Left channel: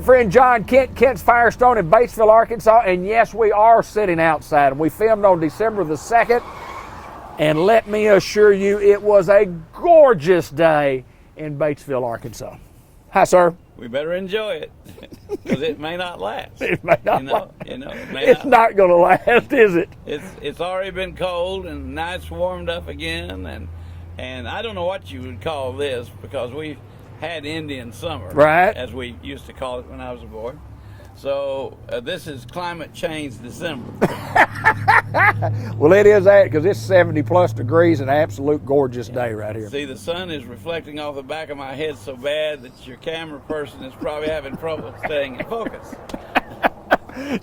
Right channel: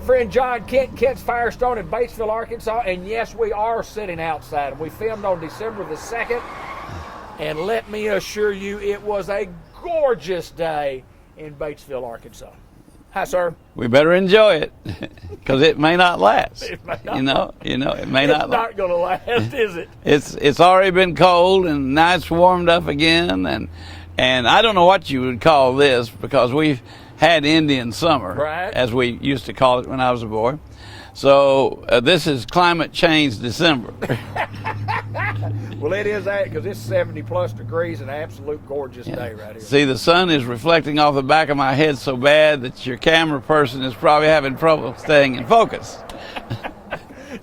good friend John Kent, Kent's Firestone in Batesville, Arkansas. And yes, we are sitting outside. We filmed on December the 2nd. And let me assure you, it was a gorgeous day in Batesville, Arkansas. Hi, sir. We better enjoy it because it may not last. It may not it may it's not. It's not going to last, is it? It's already been cold and now it's warmed up again, and I don't know what you would call this because we've had Indian summer, right, as we used to call it when I was a boy. So this is climate change December. Well, it is that because it's 70 plus degrees, an absolute gorgeous day right here. See, the sun is reflecting off the back of my head so bad that your camera person is probably having trouble staying in focus.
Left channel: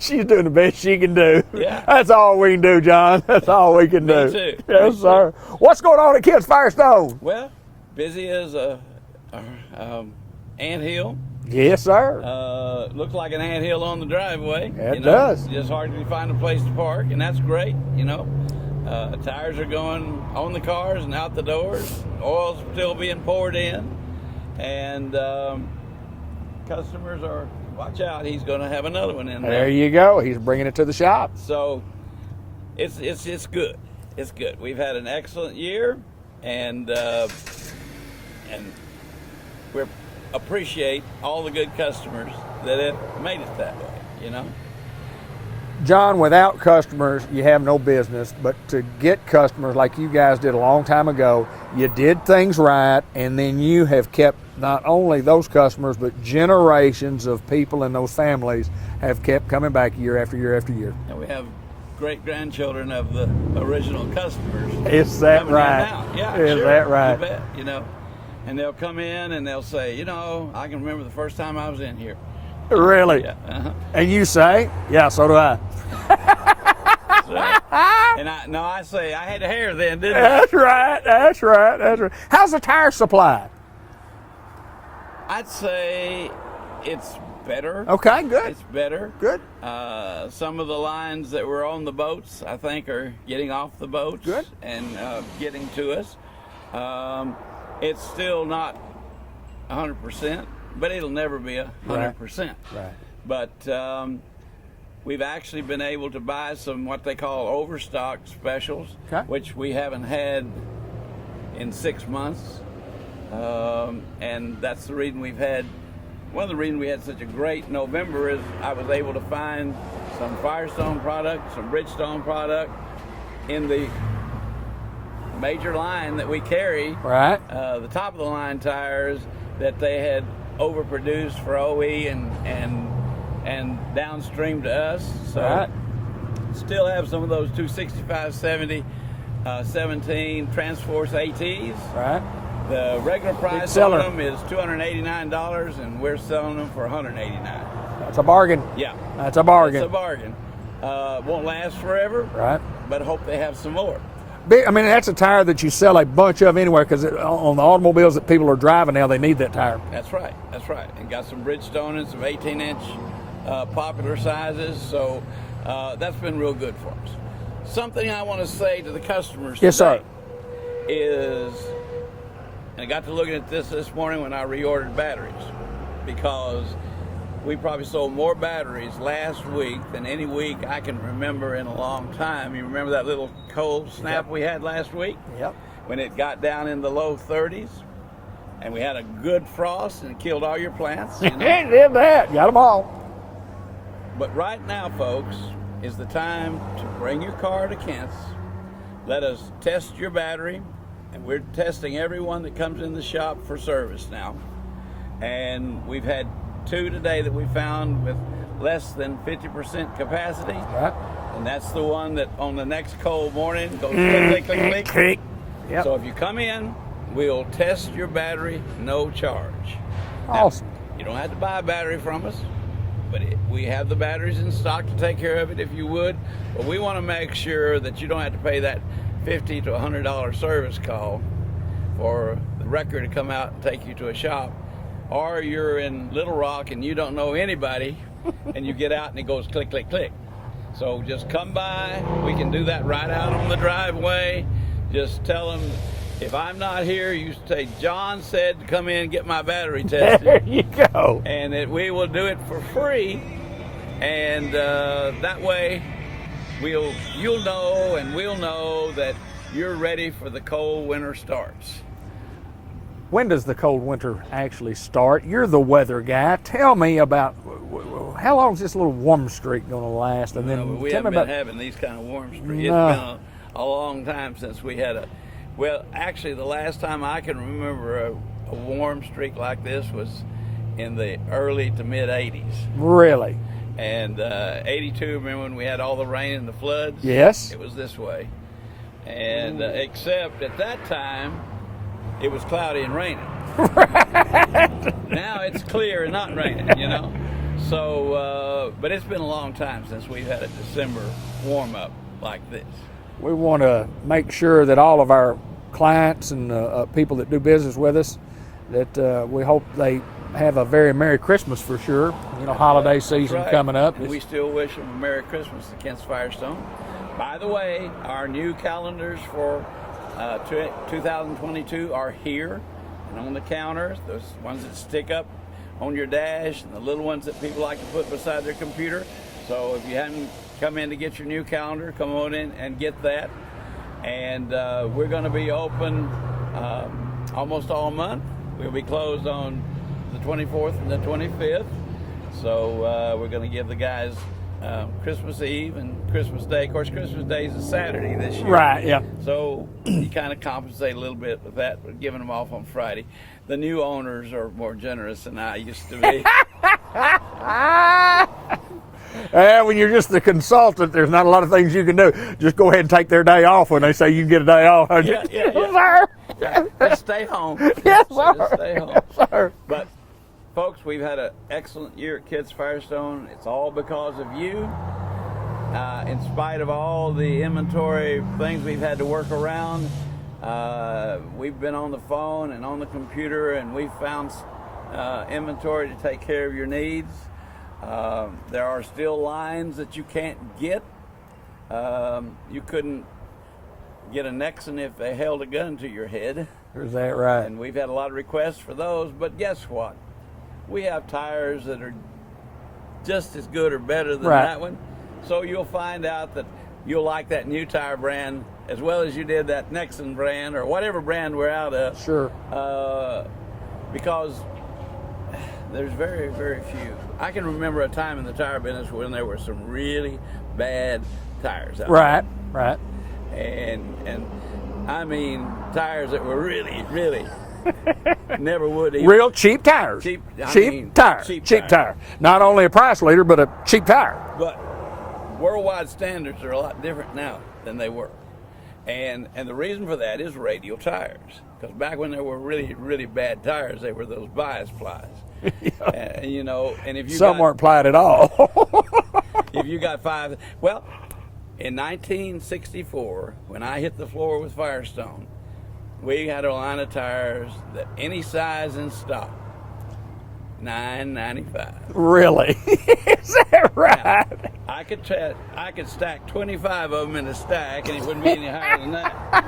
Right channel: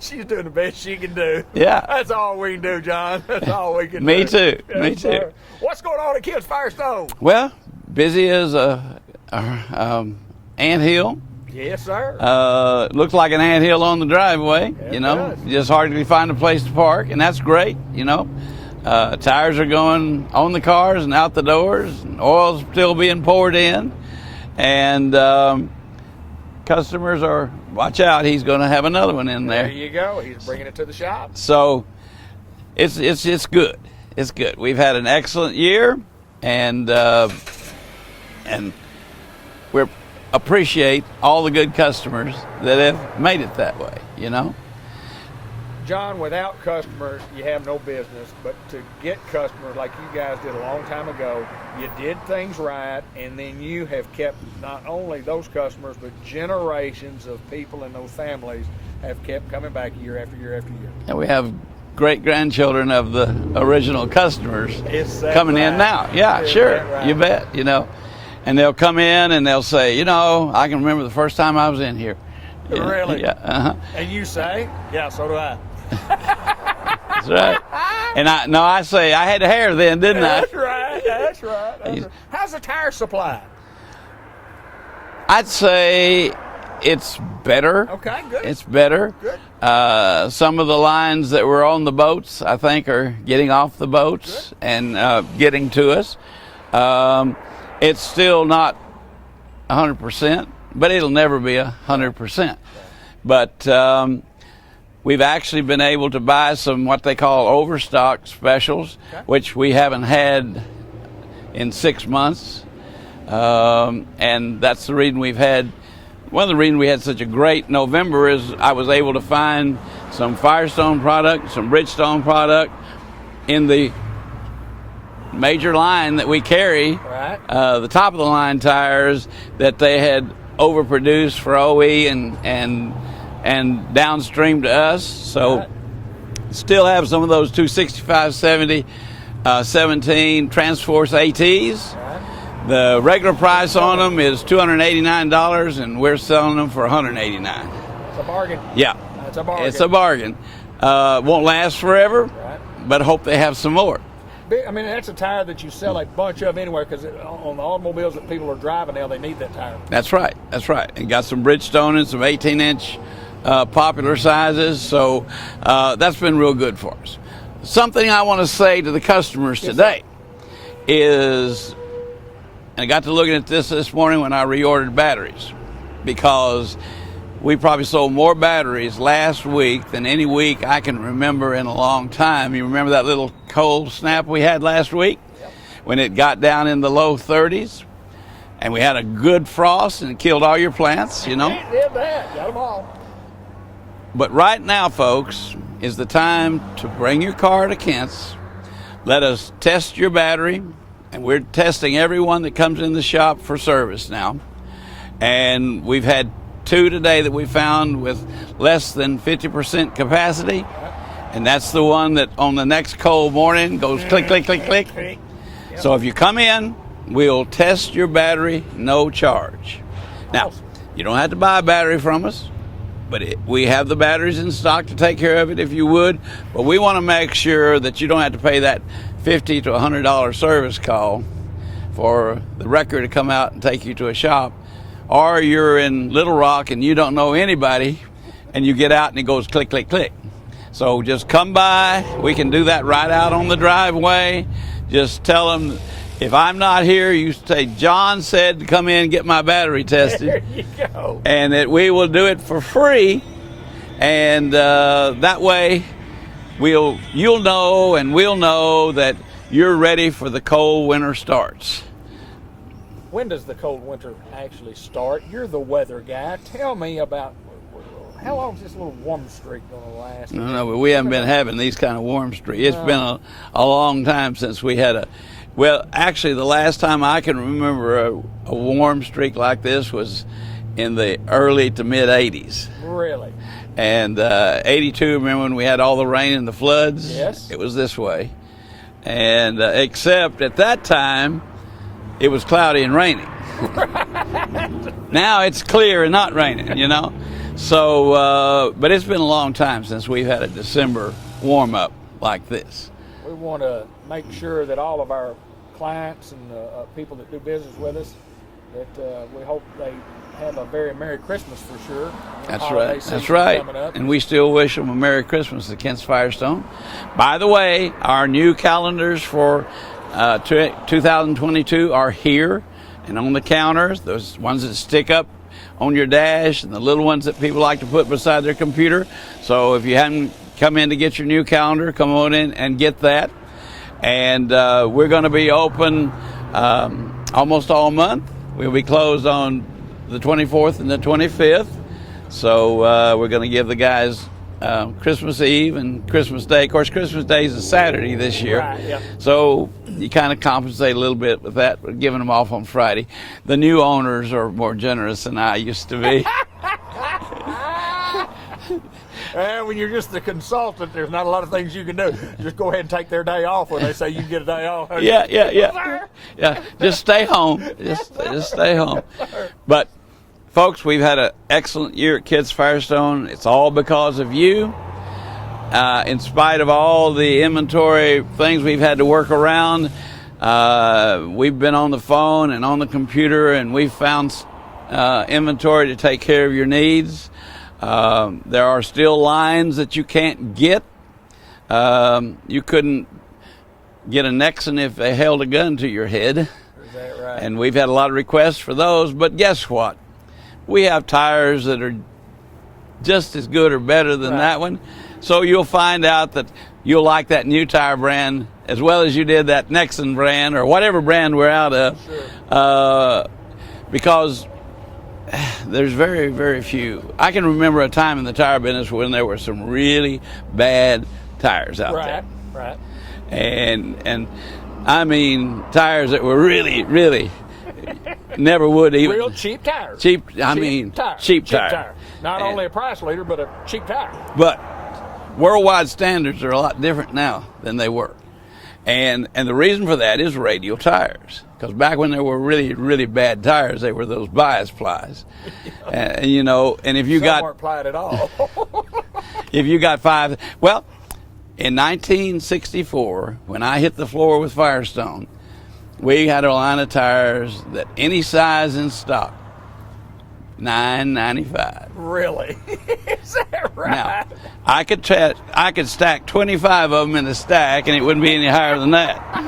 She's doing the best she can do. Yeah. That's all we can do, John. That's all we can do. Me too. Yes, Me sir. too. What's going on at Kent's Firestone? Well, busy as a anthill. Yes, sir. Looks like an anthill on the driveway. Yeah, you know, it does. Just hardly find a place to park, and that's great. You know, tires are going on the cars and out the doors. And oil's still being poured in, and customers are. Watch out! He's going to have another one in there. There you go. He's bringing it to the shop. So, it's good. It's good. We've had an excellent year, and we appreciate all the good customers that have made it that way. You know. John, without customers, you have no business. But to get customers like you guys did a long time ago, you did things right, and then you have kept not only those customers, but generations of people and those families have kept coming back year after year after year. And we have great-grandchildren of the original customers coming right? in now. Yeah, Is sure. that right? You bet, you know. And they'll come in and they'll say, you know, I can remember the first time I was in here. Really? Yeah. Uh-huh. And you say, yeah, so do I. That's right. And I say, I had hair then, didn't I? That's right. That's right. That's right. How's the tire supply? I'd say it's better. Okay, good. It's better. Good. Some of the lines that were on the boats, I think, are getting off the boats good. and getting to us. It's still not 100%, but it'll never be 100%. Right. But we've actually been able to buy some what they call overstock specials, which we haven't had in 6 months. And that's the reason one of the reasons we had such a great November is I was able to find some Firestone product, some Bridgestone product in the major line that we carry, right? The top of the line tires that they had overproduced for OE and downstream to us. So still have some of those 265, 70, 17 Transforce ATs. Right. The regular price on them is $289, and we're selling them for $189. That's a bargain. Yeah. That's a bargain. It's a bargain. Won't last forever, right? But hope they have some more. I mean, that's a tire that you sell a bunch of anywhere because on the automobiles that people are driving now, they need that tire. That's right. That's right. And got some Bridgestone and some 18-inch popular sizes. So that's been real good for us. Something I want to say to the customers today is, and I got to looking at this morning when I reordered batteries, because we probably sold more batteries last week than any week I can remember in a long time. You remember that little cold snap we had last week? Yep. When it got down in the low 30s, and we had a good frost and it killed all your plants, you know? It did that. Got them all. But right now, folks, is the time to bring your car to Kent's. Let us test your battery, and we're testing everyone that comes in the shop for service now. And we've had 2 today that we found with less than 50% capacity. Right. And that's the one that on the next cold morning goes click, click, click, click. Yep. So if you come in, we'll test your battery, no charge. Awesome. Now, you don't have to buy a battery from us, but we have the batteries in stock to take care of it if you would. But we want to make sure that you don't have to pay that $50 to $100 service call for the wrecker to come out and take you to a shop. Or you're in Little Rock and you don't know anybody, and you get out and it goes click, click, click. So just come by. We can do that right out on the driveway. Just tell them If I'm not here, you say, John said to come in and get my battery tested. There you go. And that we will do it for free. And that way, you'll know and we'll know that you're ready for the cold winter starts. When does the cold winter actually start? You're the weather guy. Tell me about how long is this little warm streak going to last? No, but we haven't been having these kind of warm streaks. It's been a long time since we had well, actually, the last time I can remember a warm streak like this was in the early to mid 80s. Really? And 82, remember when we had all the rain and the floods? Yes. It was this way. And except at that time, it was cloudy and raining. Now it's clear and not raining, you know? So, but it's been a long time since we've had a December warm-up like this. We want to make sure that all of our clients and people that do business with us, that we hope they have a very Merry Christmas for sure. Holiday season coming up. And we still wish them a Merry Christmas at Kent's Firestone. By the way, our new calendars for 2022 are here and on the counters, those ones that stick up on your dash and the little ones that people like to put beside their computer. So if you haven't come in to get your new calendar, come on in and get that. And we're going to be open almost all month. We'll be closed on the 24th and the 25th. So we're going to give the guys Christmas Eve and Christmas Day. Of course, Christmas Day is a Saturday this year. Right, yeah. So you kind of compensate a little bit with that, but giving them off on Friday. The new owners are more generous than I used to be. When you're just the consultant, there's not a lot of things you can do. Just go ahead and take their day off when they say you can get a day off. Yeah. Yes, sir. Yeah, just stay home. Yes, Just stay home. Yes, sir. But, folks, we've had an excellent year at Kent's Firestone. It's all because of you. In spite of all the inventory things we've had to work around, we've been on the phone and on the computer, and we've found inventory to take care of your needs. There are still lines that you can't get. You couldn't get a Nexon if they held a gun to your head. Is that right? And we've had a lot of requests for those, but guess what? We have tires that are just as good or better than that one. So you'll find out that you'll like that new tire brand as well as you did that Nexon brand or whatever brand we're out of. Sure. Because there's very, very few. I can remember a time in the tire business when there were some really bad tires out there. Right. And I mean tires that were really, really never would even. Real cheap tires. Cheap tire. Cheap tire. Not only a price leader, but a cheap tire. But worldwide standards are a lot different now than they were. And the reason for that is radial tires. Because back when there were really, really bad tires, they were those bias plies. You know, and if you Some weren't plied at all. if you got well, in 1964, when I hit the floor with Firestone, we had a line of tires that any size in stock, $9.95. Really? Is that right? Now, I could stack 25 of them in a stack, and it wouldn't be any higher than that.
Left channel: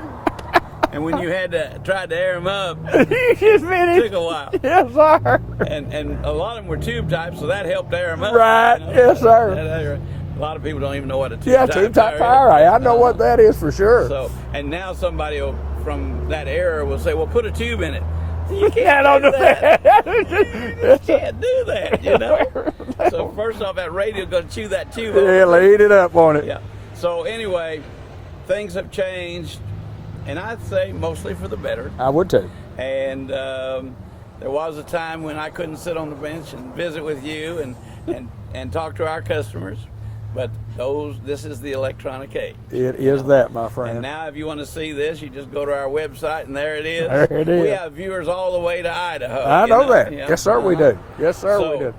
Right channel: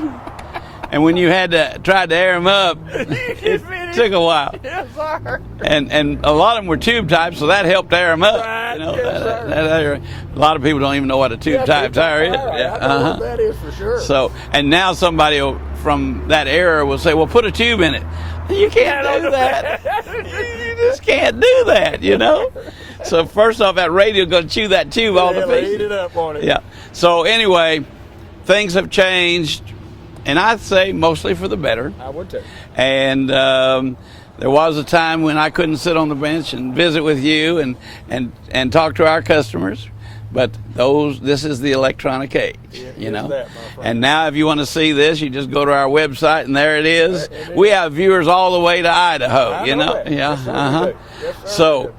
And when you tried to air them up, it took a while. Yes, sir. And a lot of them were tube type, so that helped air them up. Right. You know, Yes, sir. A lot of people don't even know what a tube type tire is. Right. I know what that is for sure. So, and now somebody from that era will say, well, put a tube in it. You can't do that. You just can't do that, you know? So first off, that radio's going to chew that tube off. Eat it up on it. Yeah. So anyway, things have changed, and I'd say mostly for the better. I would too. And there was a time when I couldn't sit on the bench and visit with you and talk to our customers. But this is the electronic age. It is that, my friend. And now if you want to see this, you just go to our website, and there it is. There it is. We have viewers all the way to Idaho. I know that. Yeah. Yes, sir, we do. Yes, sir, we So, do.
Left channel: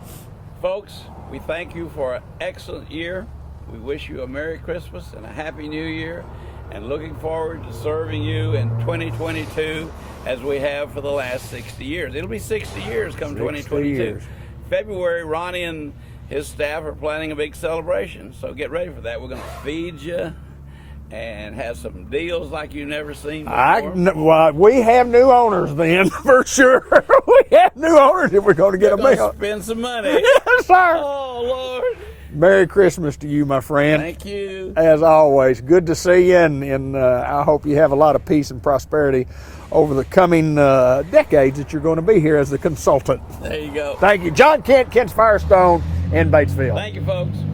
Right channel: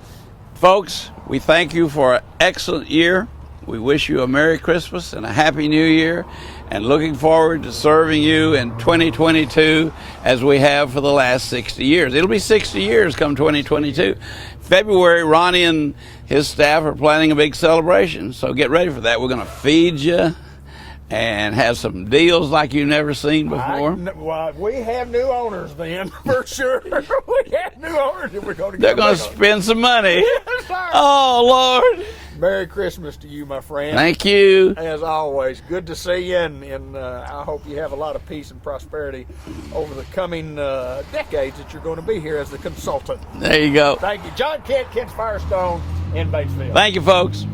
folks, we thank you for an excellent year. We wish you a Merry Christmas and a Happy New Year, and looking forward to serving you in 2022 as we have for the last 60 years. It'll be 60 years come 2022. February, Ronnie and his staff are planning a big celebration, so get ready for that. We're going to feed you and have some deals like you've never seen before. Well, we have new owners then, for sure. We have new owners if we're going to get They're going to spend some money. Yes, sir. Oh, Lord. Merry Christmas to you, my friend. Thank you. As always, good to see you, and I hope you have a lot of peace and prosperity over the coming decades that you're going to be here as the consultant. There you go. Thank you. John Kent, Kent's Firestone in Batesville. Thank you, folks.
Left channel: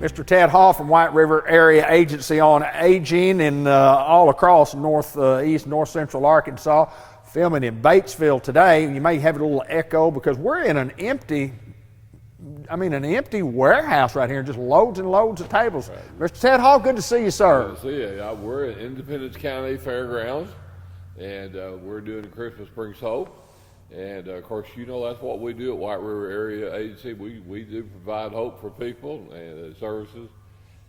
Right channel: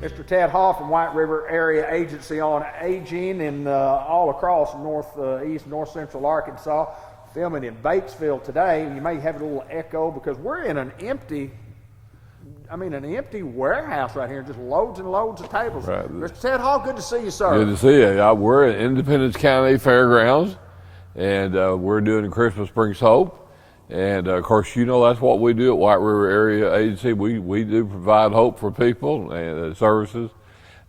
Mr. Ted Hall from White River Area Agency on Aging and all across northeast, north central Arkansas, filming in Batesville today. You may have a little echo because we're in an empty warehouse right here, just loads and loads of tables. Right. Mr. Ted Hall, good to see you, sir. Good to see you. We're at Independence County Fairgrounds, and we're doing the Christmas Brings Hope. And of course, that's what we do at White River Area Agency. We do provide hope for people and services.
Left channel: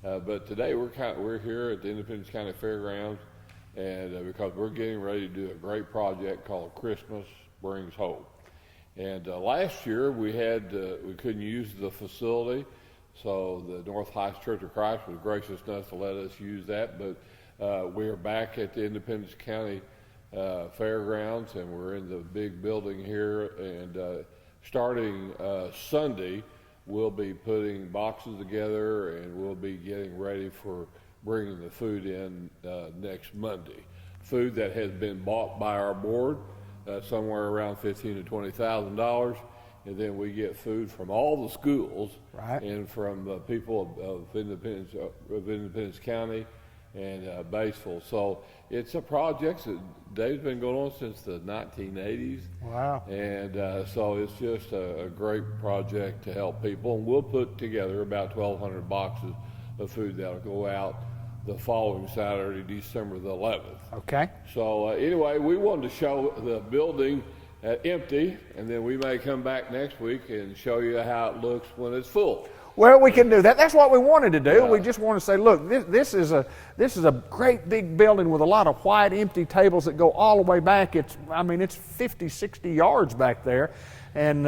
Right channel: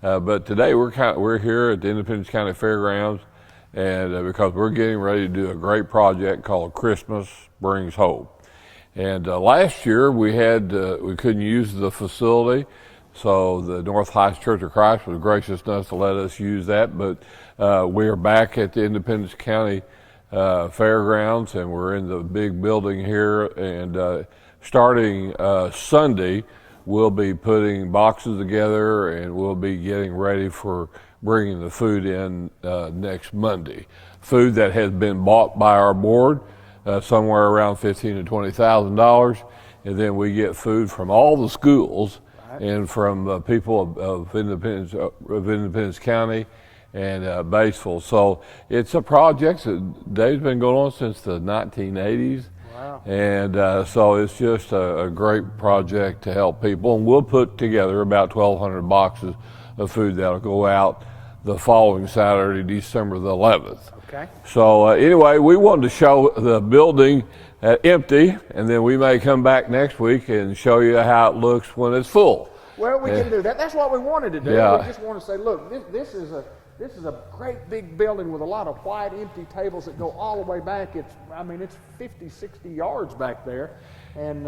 But today we're here at the Independence County Fairgrounds, and because we're getting ready to do a great project called Christmas Brings Hope. And last year we couldn't use the facility, so the North Heights Church of Christ was gracious enough to let us use that. But we are back at the Independence County Fairgrounds, and we're in the big building here, and starting Sunday we'll be putting boxes together, and we'll be getting ready for bringing the food in next Monday. Food that has been bought by our board, somewhere around $15,000 to $20,000, and then we get food from all the schools. Right. And from people of Independence County and Batesville. So it's a project that Dave's been going on since the 1980s. Wow. And so it's just a great project to help people. And we'll put together about 1,200 boxes of food that'll go out the following Saturday, December the 11th. Okay. So anyway, we wanted to show the building empty, and then we may come back next week and show you how it looks when it's full. Well, we can do that. That's what we wanted to do. Yeah. We just want to say, look, this is a great big building with a lot of white empty tables that go all the way back. It's 50, 60 yards back there, and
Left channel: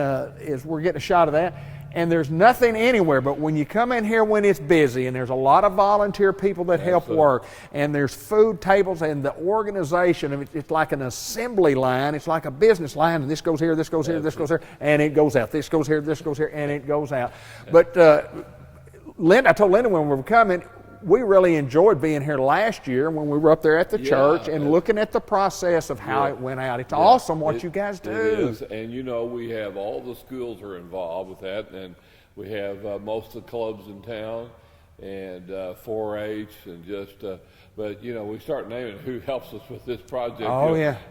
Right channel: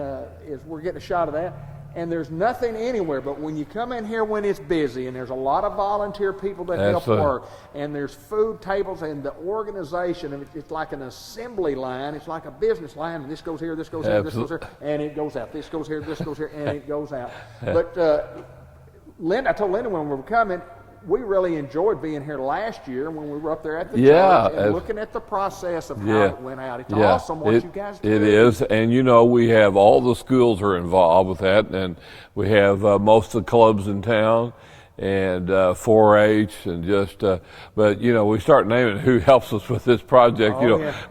we're getting a shot of that. And there's nothing anywhere, but when you come in here when it's busy, and there's a lot of volunteer people that help work, and there's food tables, and the organization, it's like an assembly line. It's like a business line, and this goes here, this goes here, this goes here, and it goes out. This goes here, this goes here, and it goes out. But I told Linda when we were coming, we really enjoyed being here last year when we were up there at the church and looking at the process of how it went out. It's awesome what you guys do. It is, and we have all the schools are involved with that, and we have most of the clubs in town, and 4-H, and but we start naming who helps us with this project.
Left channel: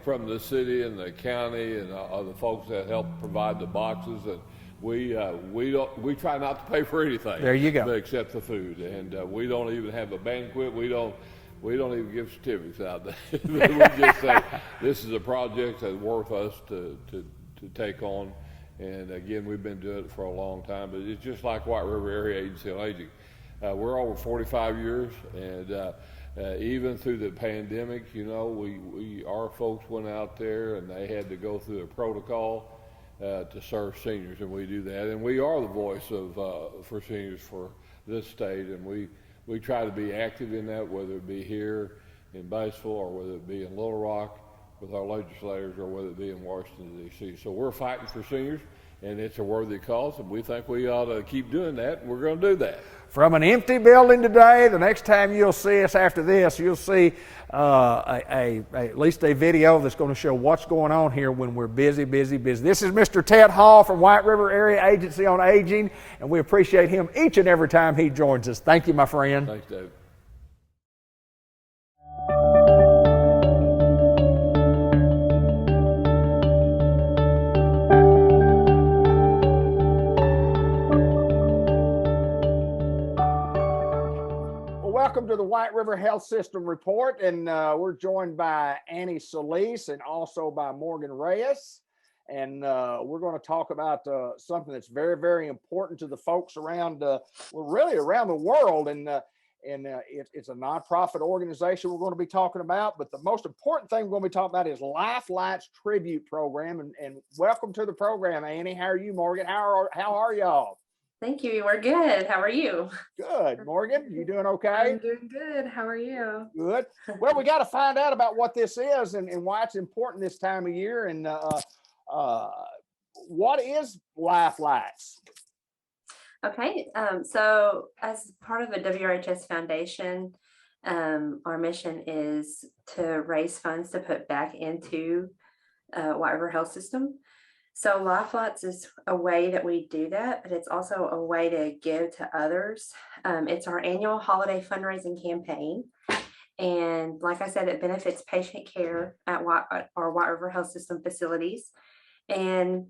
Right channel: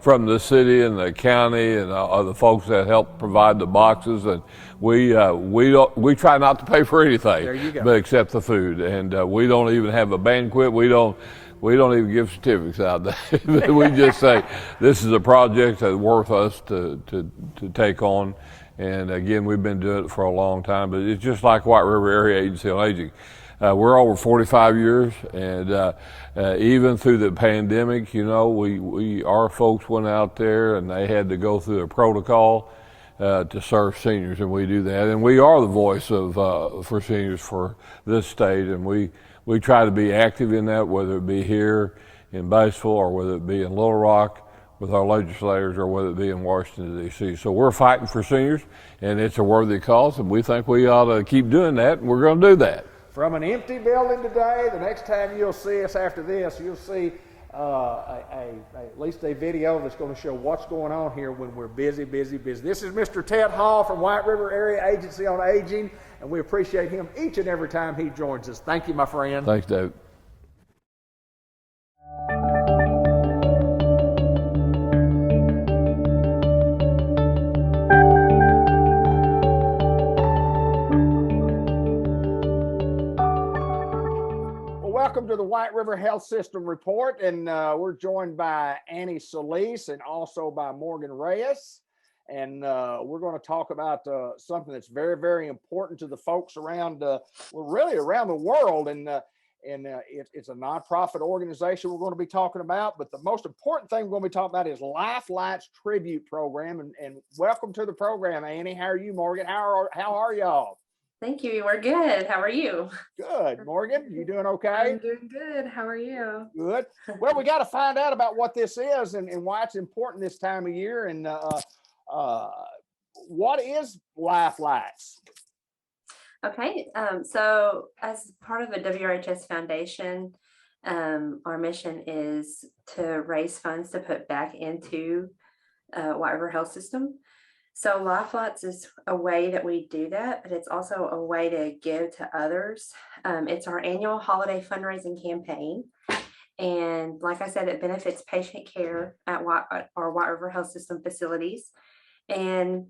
From the city and the county and the folks that help provide the boxes, and we try not to pay for anything. There you go. But except the food, and we don't even have a banquet. We don't even give certificates out there. We just say this is a project that's worth us to take on. And again, we've been doing it for a long time, but it's just like White River Area Agency on Aging. We're over 45 years, and even through the pandemic, our folks went out there and they had to go through a protocol to serve seniors, and we do that. And we are the voice for seniors for this state, and we try to be active in that, whether it be here in Batesville or whether it be in Little Rock with our legislators or whether it be in Washington, D.C. So we're fighting for seniors, and it's a worthy cause, and we think we ought to keep doing that, and we're going to do that. From an empty building today, the next time you'll see us after this, you'll see at least a video that's going to show what's going on here when we're busy. This is Mr. Ted Hall from White River Area Agency on Aging, and we appreciate him each and every time he joins us. Thank you, my friend. Thanks, David. Welcome to the White River Health System Report, and we're joined by Annie Solis and also by Morgan Reyes. and we're going to talk about something that's very, very important to the folks around, well, really around the world. And it's a nonprofit organization we're going to be talking about. But the most important thing we're going to be talking about is Life Lights Tribute Program. And welcome to the program, Annie. How are you, Morgan? How are y'all? Thank you. We're good. How are you? Good. Morgan, you doing okay? I'm doing good. How are you? Good. Well, we got to find out about what this is and why it's important this time of year. And what is Life Lights? Okay. So as part of the WRHS Foundation, our mission is to raise funds to put back into White River Health System. So Life Lights is a way that we do that, but it's also a way to give to others. It's our annual holiday fundraising campaign. And like I said, it benefits patient care at our White River Health System facilities. And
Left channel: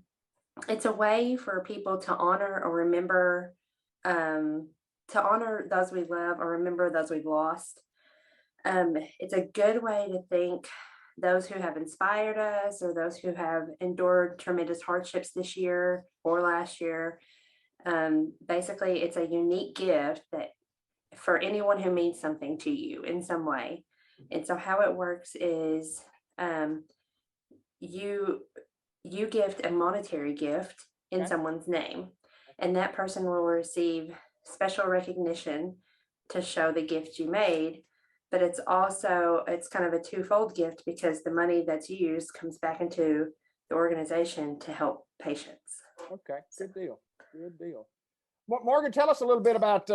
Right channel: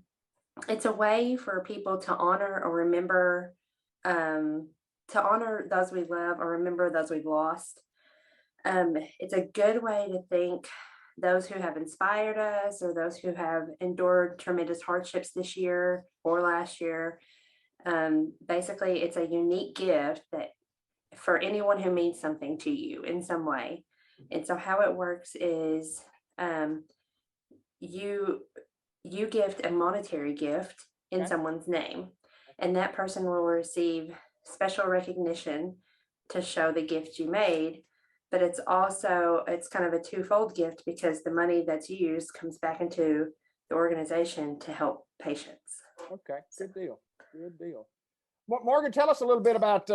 it's a way for people to honor or remember, to honor those we love or remember those we've lost. It's a good way to thank those who have inspired us or those who have endured tremendous hardships this year or last year. Basically, it's a unique gift that for anyone who means something to you in some way. And so how it works is you gift a monetary gift in someone's name, and that person will receive special recognition to show the gift you made. But it's kind of a twofold gift because the money that's used comes back into the organization to help patients. Okay, good deal. Good deal. Morgan, tell us a little bit about,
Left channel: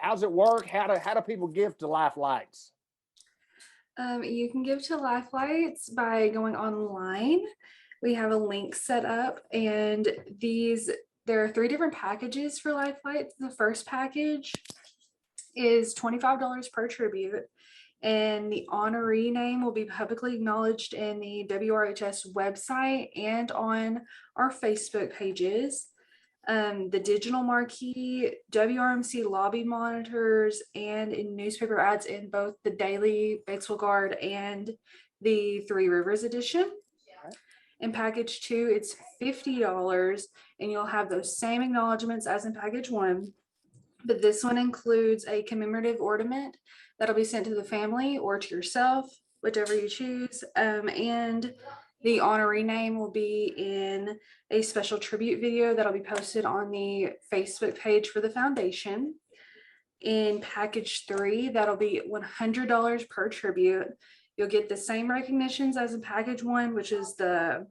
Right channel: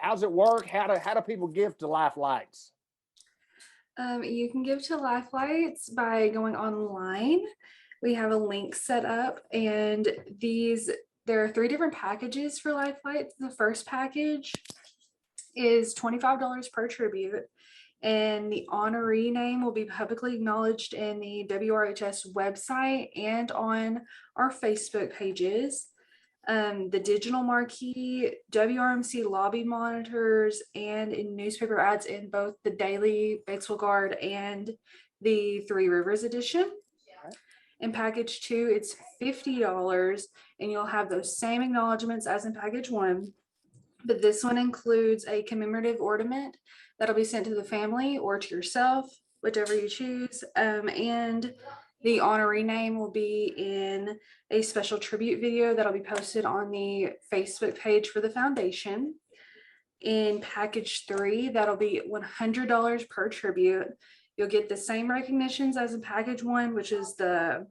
how's it work? How do people give to Life Lights? You can give to Life Lights by going online. We have a link set up, and there are 3 different packages for Life Lights. The first package is $25 per tribute, and the honoree name will be publicly acknowledged in the WRHS website and on our Facebook pages. The digital marquee, WRMC lobby monitors, and in newspaper ads in both the daily Batesville Guard and the Three Rivers edition. In package 2, it's $50, and you'll have those same acknowledgements as in package 1. But this one includes a commemorative ornament that'll be sent to the family or to yourself, whichever you choose. And the honoree name will be in a special tribute video that'll be posted on the Facebook page for the foundation. In package 3, that'll be $100 per tribute. You'll get the same recognitions as in package 1, which is the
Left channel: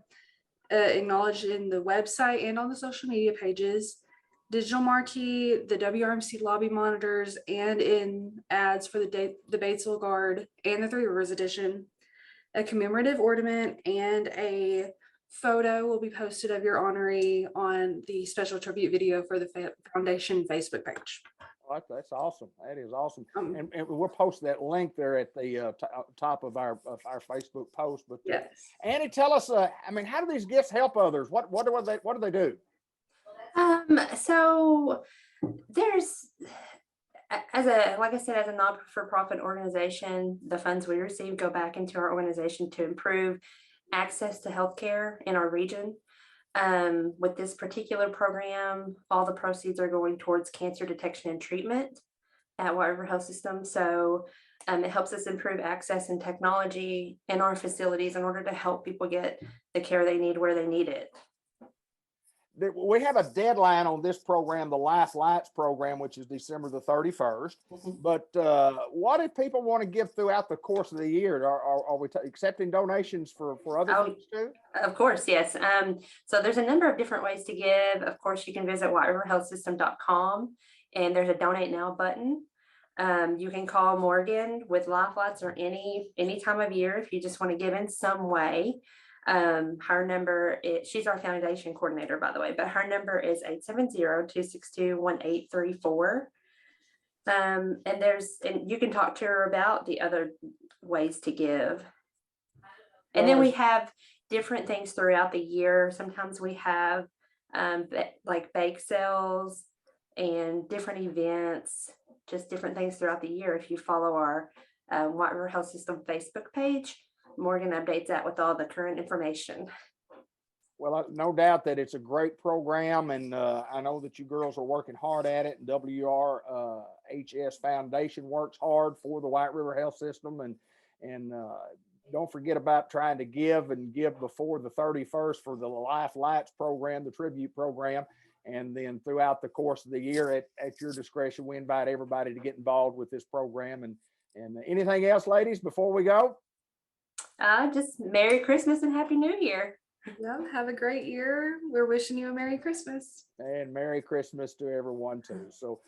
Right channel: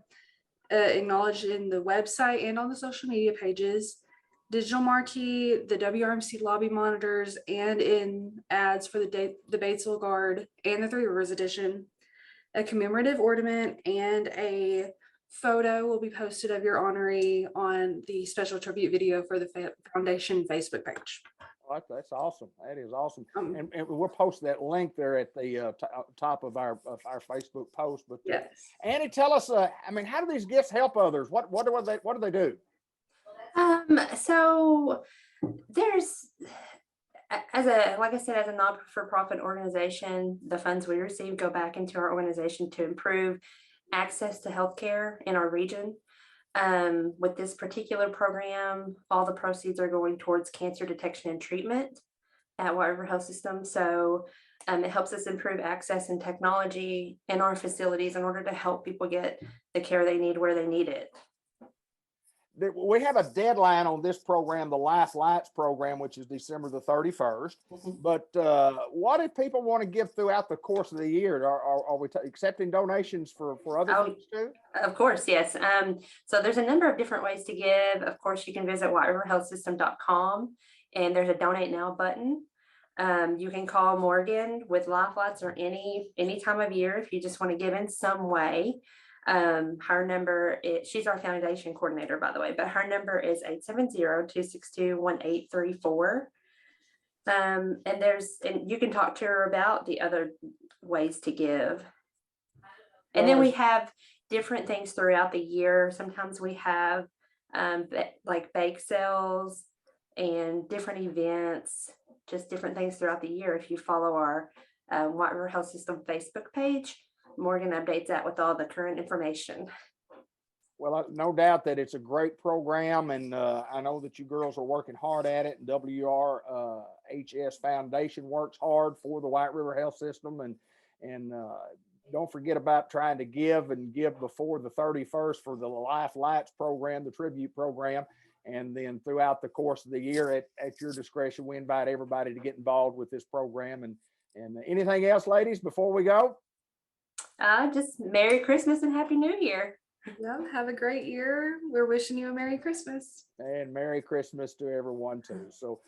acknowledged in the website and on the social media pages, digital marquee, the WRMC lobby monitors, and in ads for the Batesville Guard and the Three Rivers edition. A commemorative ornament and a photo will be posted of your honoree on the special tribute video for the foundation Facebook page. Oh, that's awesome. That is awesome. And we'll post that link there at the top of our Facebook post. But yes. Annie, tell us, how do these gifts help others? What do they do? So there's, like I said, as a not-for-profit organization, the funds we receive go back into our organization to improve access to healthcare in our region. With this particular program, all the proceeds are going towards cancer detection and treatment at White River Health System. So it helps us improve access and technology in our facilities in order to help people get the care they need where they need it. We have a deadline on this program, the Life Lights program, which is December the 31st. But what if people want to give throughout the course of the year? Are we accepting donations for other things too? Of course, yes. So there's a number of different ways to give. Of course, you can visit whiteriverhealthsystem.com, and there's a donate now button. You can call Morgan with Life Lights or any time of year if you just want to give in some way. Her number she's our foundation coordinator, by the way, but her number is 870-262-1834. And you can talk to her about the other ways to give. And then we have different things throughout the year. Sometimes we have like bake sales and different events, just different things throughout the year. If you follow our White River Health System Facebook page, Morgan updates that with all the current information. Well, no doubt that it's a great program, and I know that you girls are working hard at it. And WRHS Foundation works hard for the White River Health System, and don't forget about trying to give before the 31st for the Life Lights program, the tribute program, and then throughout the course of the year, at your discretion, we invite everybody to get involved with this program. And anything else, ladies, before we go? Just Merry Christmas and Happy New Year. Yeah, have a great year. We're wishing you a Merry Christmas. And Merry Christmas to everyone too. So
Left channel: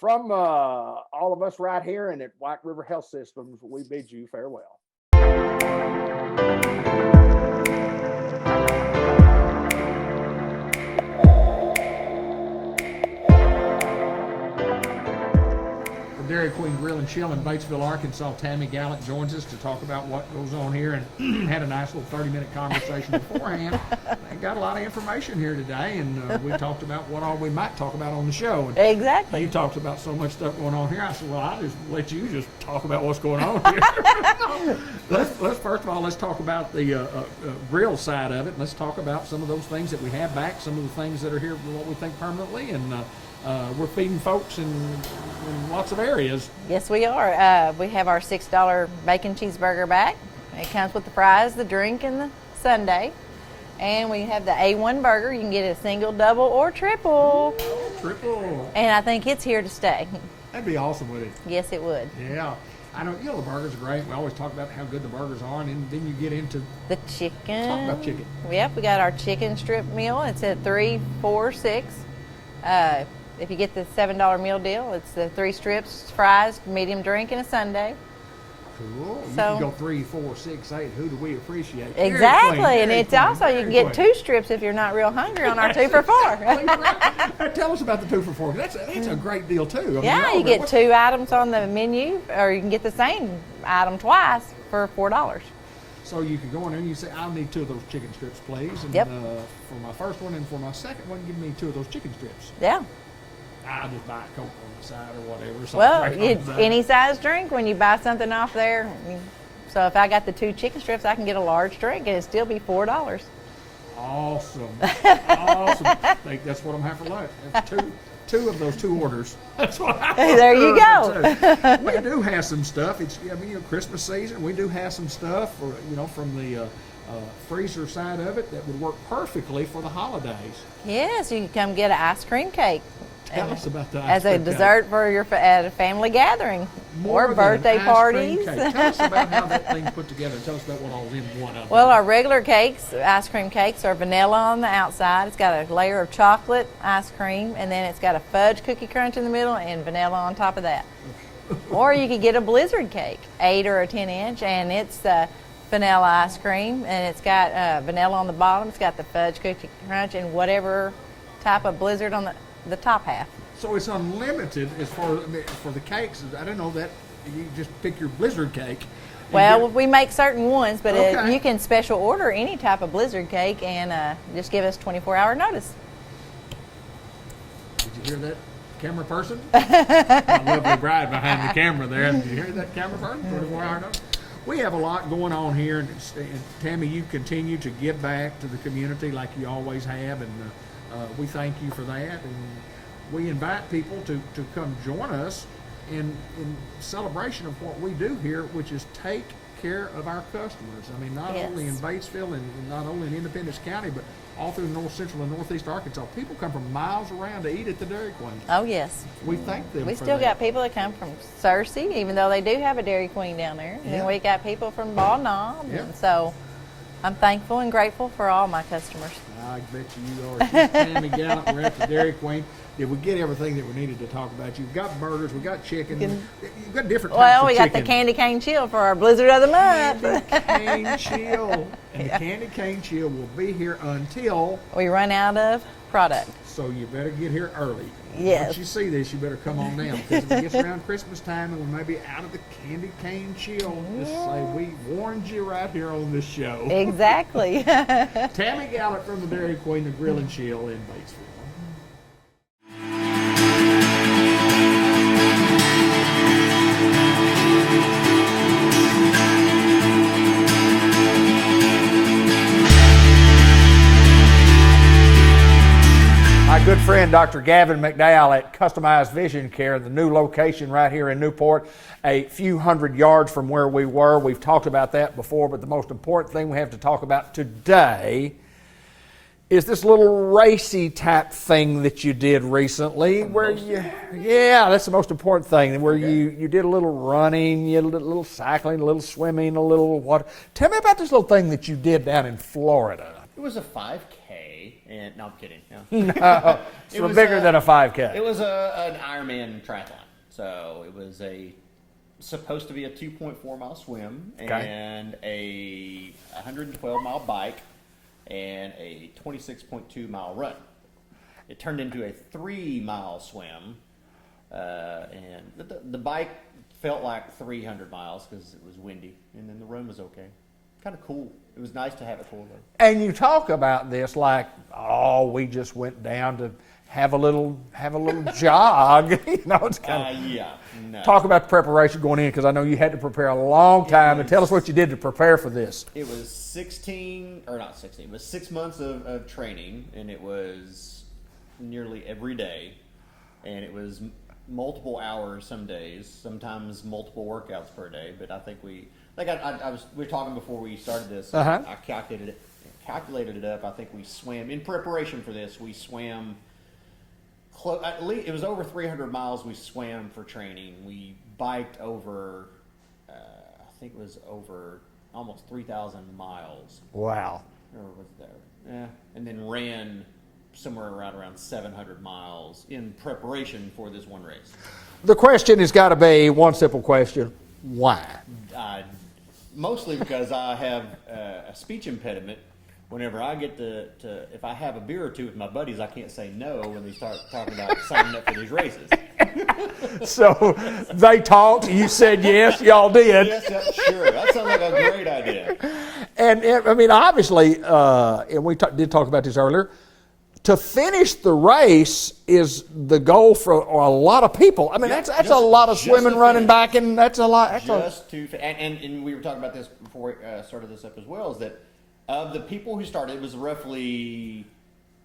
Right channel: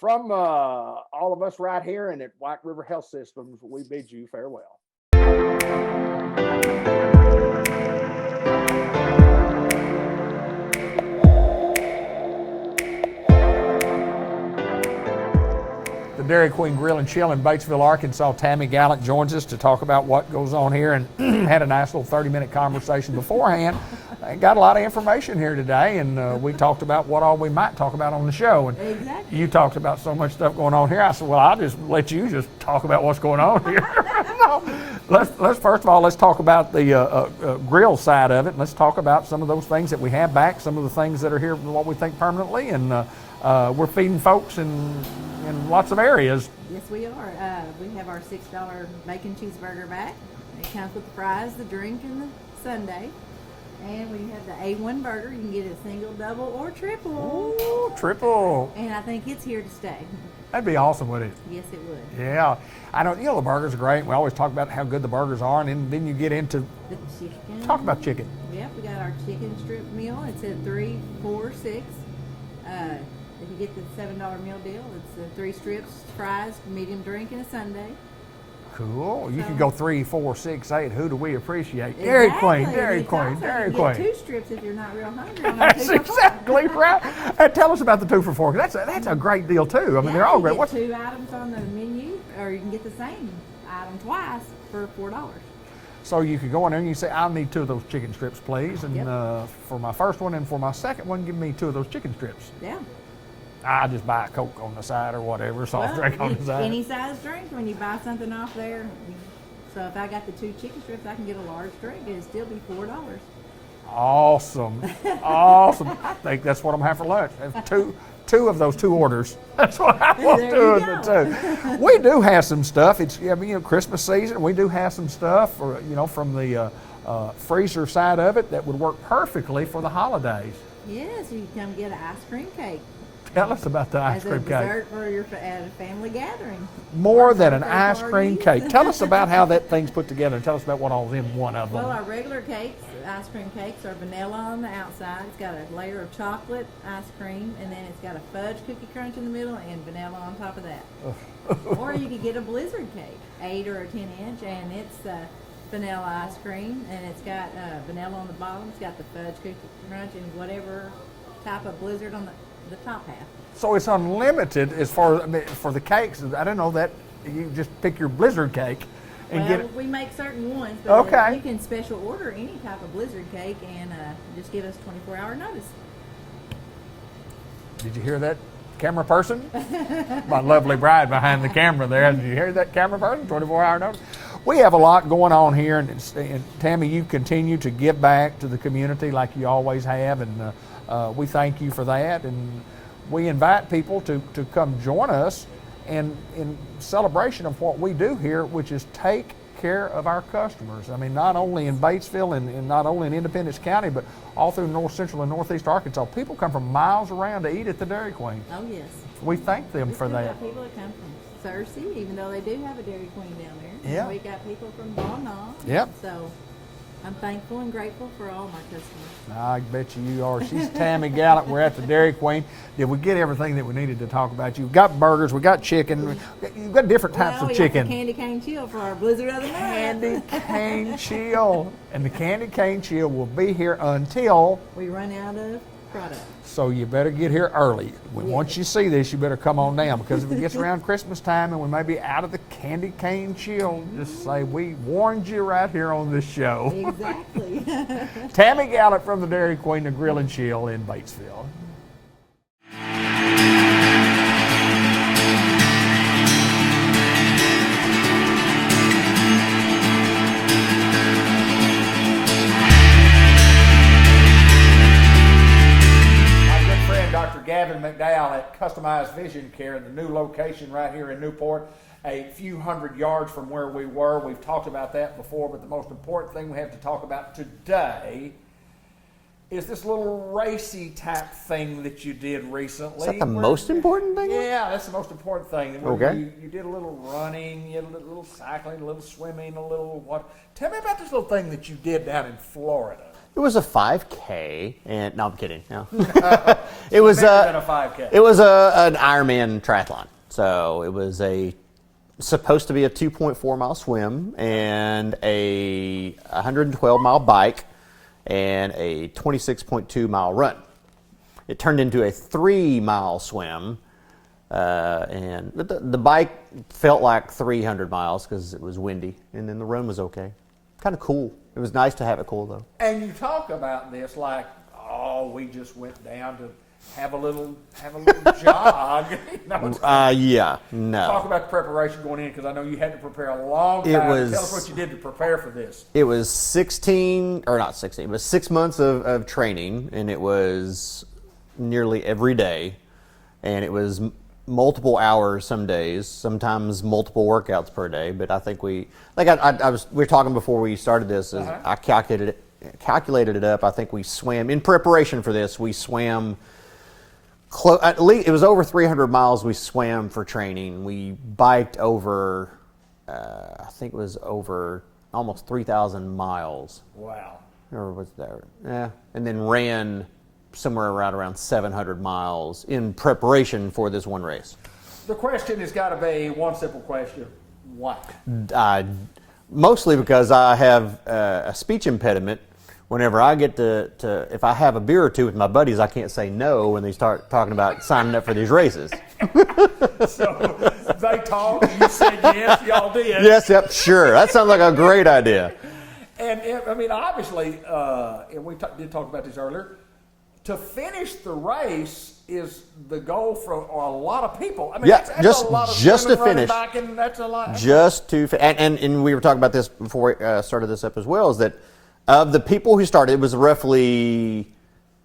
from all of us right here and at White River Health Systems, we bid you farewell. The Dairy Queen Grill and Chill in Batesville, Arkansas. Tammy Gallant joins us to talk about what goes on here, and had a nice little 30-minute conversation beforehand. And got a lot of information here today, and we talked about what all we might talk about on the show. And Exactly. you talked about so much stuff going on here. I said, well, I'll just let you just talk about what's going on here. let's first of all, let's talk about the grill side of it. Let's talk about some of those things that we have back, some of the things that are here, what we think permanently, and we're feeding folks in lots of areas. Yes, we are. We have our $6 bacon cheeseburger back. It comes with the fries, the drink, and the sundae. And we have the A1 burger. You can get it single, double, or triple. Ooh, triple. And I think it's here to stay. That'd be awesome, wouldn't it? Yes, it would. Yeah. I know, the burgers are great. We always talk about how good the burgers are, and then you get into The chicken. talk about chicken. Yep, we got our chicken strip meal. It's at $3, $4, $6. If you get the $7 meal deal, it's the 3 strips, fries, medium drink, and a sundae. Cool. You So- can go 3, 4, 6, 8. Who do we appreciate? Exactly, and Dairy it's Queen, also, you Dairy can get Queen. 2 strips if you're not real hungry on our That's 2 for 4. exactly right. Tell us about the 2 for 4. That's a great deal too. I mean, they're Yeah, all you great. get 2 items on the menu, or you can get the same item twice for $4. So you can go in there and you say, I'll need 2 of those chicken strips, please. And Yep. For my first one and for my second one, give me 2 of those chicken strips. Yeah. I'll just buy a Coke on the side or whatever. So Well, drink on the side. any size drink when you buy something off there. So if I got the 2 chicken strips, I can get a large drink and it'd still be $4. Awesome. Awesome. I think that's what I'm having for lunch. Two of those 2 orders. That's what I want. There you go. We do have some stuff. It's Christmas season. We do have some stuff for from the freezer side of it that would work perfectly for the holidays. Yes, you can come get an ice cream cake. Tell us about the ice As cream a dessert for your at a family gathering. More or than an birthday ice parties. cream cake. Tell us about how that thing's put together. Tell us about what all's in one of them. Well, our regular cakes, ice cream cakes, are vanilla on the outside. It's got a layer of chocolate ice cream, and then it's got a fudge cookie crunch in the middle and vanilla on top of that. Or you could get a blizzard cake, 8 or a 10-inch, and it's vanilla ice cream, and it's got vanilla on the bottom. It's got the fudge cookie crunch and whatever type of blizzard on the top half. So it's unlimited as far for the cakes. I don't know that you just pick your blizzard cake. and Well, get- we make certain ones, but Okay. you can special order any type of blizzard cake and just give us 24-hour notice. Did you hear that, camera person? My lovely bride behind the camera there. Did you hear that, camera person? 24-hour notice. We have a lot going on here, and Tammy, you continue to give back to the community like you always have, and we thank you for that. And we invite people to come join us in celebration of what we do here, which is take care of our customers. I mean, not only in Batesville and not only in Independence County, but all through North Central and Northeast Arkansas. People come from miles around to eat at the Dairy Queen. Oh, yes. We thank them We for still that. got people that come from Searcy, even though they do have a Dairy Queen down there. Yeah. And we got people from Ball Knob. Yep. So I'm thankful and grateful for all my customers. I bet you are. She's Tammy Gallant. We're at the Dairy Queen. Did we get everything that we needed to talk about? You've got burgers, we got chicken, you've got different types Well, of we chicken. got the candy cane chill for our blizzard of the month. Candy cane chill. And the candy cane chill will be here until, We run out of product. so you better get here early. Yes. Once you see this, you better come on down, because if it gets around Christmas time and we may be out of the candy cane chill, just say we warned you right here on this show. Exactly. Tammy Gallant from the Dairy Queen, the Grill and Chill in Batesville. friend, Dr. Gavin McDowell at Customized Vision Care, the new location right here in Newport, a few hundred yards from where we were. We've talked about that before, but the most important thing we have to talk about today is this little racy type thing that you did recently. Is that the most important thing? Yeah, that's the most important thing. Where Okay. you did a little running, you did a little cycling, a little swimming, a little water. Tell me about this little thing that you did down in Florida. It was a 5K, and no, I'm kidding. No. It was bigger than a 5K. It was an Ironman triathlon. So it was supposed to be a 2.4 mile swim and a 112 mile bike and a 26.2 mile run. It turned into a 3 mile swim, and the bike felt like 300 miles because it was windy, and then the run was okay. Kind of cool. It was nice to have it cool though. And you talk about this like, oh, we just went down to have a little jog. You know, Yeah, no. talk about the preparation going in, because I know you had to prepare a long time. Tell us what you did to prepare for this. It was 6 months of training, and it was nearly every day, and it was multiple hours some days, sometimes multiple workouts per day. But I think we were talking before we started this. I calculated it up. I think we swam in preparation for this. We swam. At least it was over 300 miles we swam for training. We biked over, I think it was over almost 3,000 miles. Wow. Or was that? Yeah. And then ran somewhere around 700 miles in preparation for this one race. The question has got to be one simple question: why? Mostly because I have a speech impediment. Whenever I get to, if I have a beer or two with my buddies, I can't say no when they start talking about signing up for these races. So they talked, you said yes, y'all did. Yes, yep, sure. That sounds like a great idea. And I mean, obviously, and we did talk about this earlier, to finish the race is the goal for a lot of people. I mean, Yeah, that's a lot of just swimming, to running, finish. biking. That's a lot. And we were talking about this before we started this up as well, is that of the people who started, it was roughly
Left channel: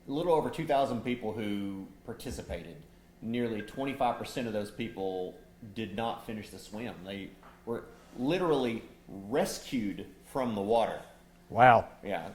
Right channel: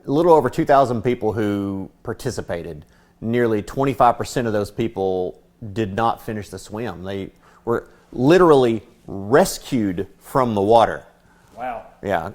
a little over 2,000 people who participated. Nearly 25% of those people did not finish the swim. They were literally rescued from the water. Wow. Yeah.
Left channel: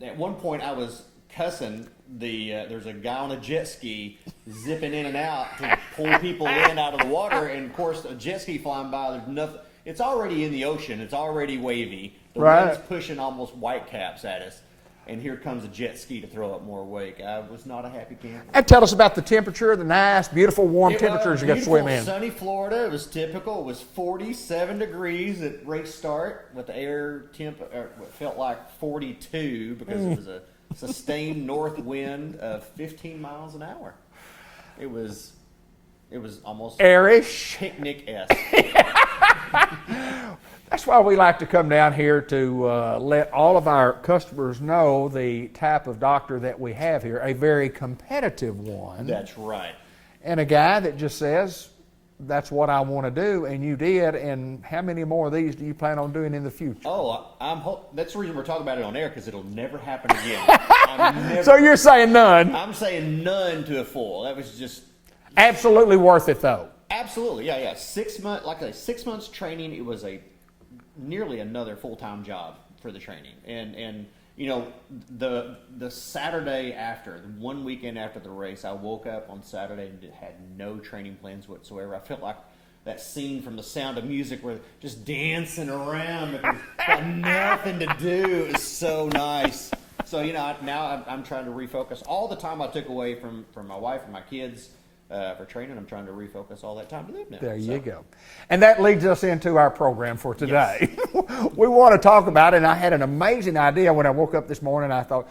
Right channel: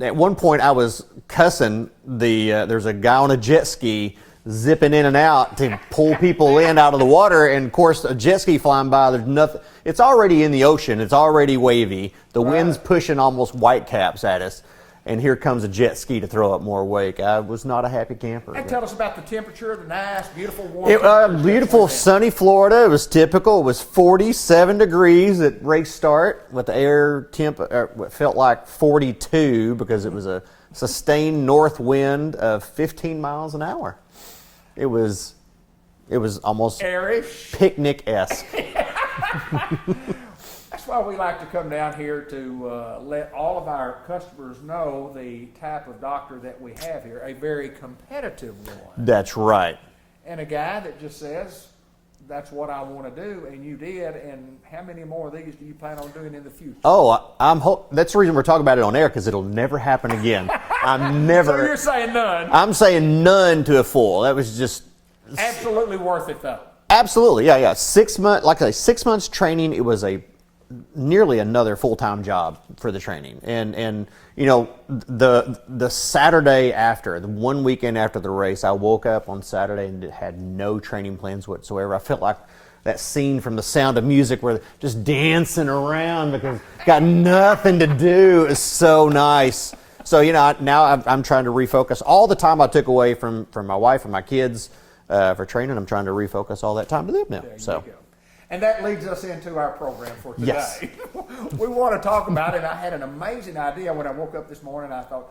At one point, I was cussing there's a guy on a jet ski zipping in and out to pull people in out of the water, and of course, a jet ski flying by. There's nothing. It's already in the ocean. It's already wavy. The wind's pushing almost whitecaps at us, and here comes a jet ski to throw up more wake. I was not a happy camper. And tell us about the temperature, the nice, beautiful, warm temperatures. Beautiful, sunny Florida. It was typical. It was 47 degrees at race start, with the air temp what felt like 42 because it was a sustained north wind of 15 miles an hour. It was almost Airish. picnic-esque. That's why we like to come down here to let all of our customers know the type of doctor that we have here, a very competitive one. That's right. And a guy that just says, that's what I want to do, and you did. And how many more of these do you plan on doing in the future? Oh, that's the reason we're talking about it on air, because it'll never happen again. I'm never. So you're saying none? I'm saying none to a full. That was just Absolutely worth it, though. absolutely, yeah. 6 months, like I say, 6 months training. It was nearly another full-time job for the training, and you know, the Saturday after, the one weekend after the race, I woke up on Saturday and had no training plans whatsoever. I felt like that scene from The Sound of Music where they're just dancing around because got nothing to do. It was so nice. So, you know, now I'm trying to refocus all the time I took away from my wife and my kids for training. I'm trying to refocus all that time to them now. There you go. And that leads us into our program for today. Yes. We want to talk about it, and I had an amazing idea when I woke up this morning. I thought,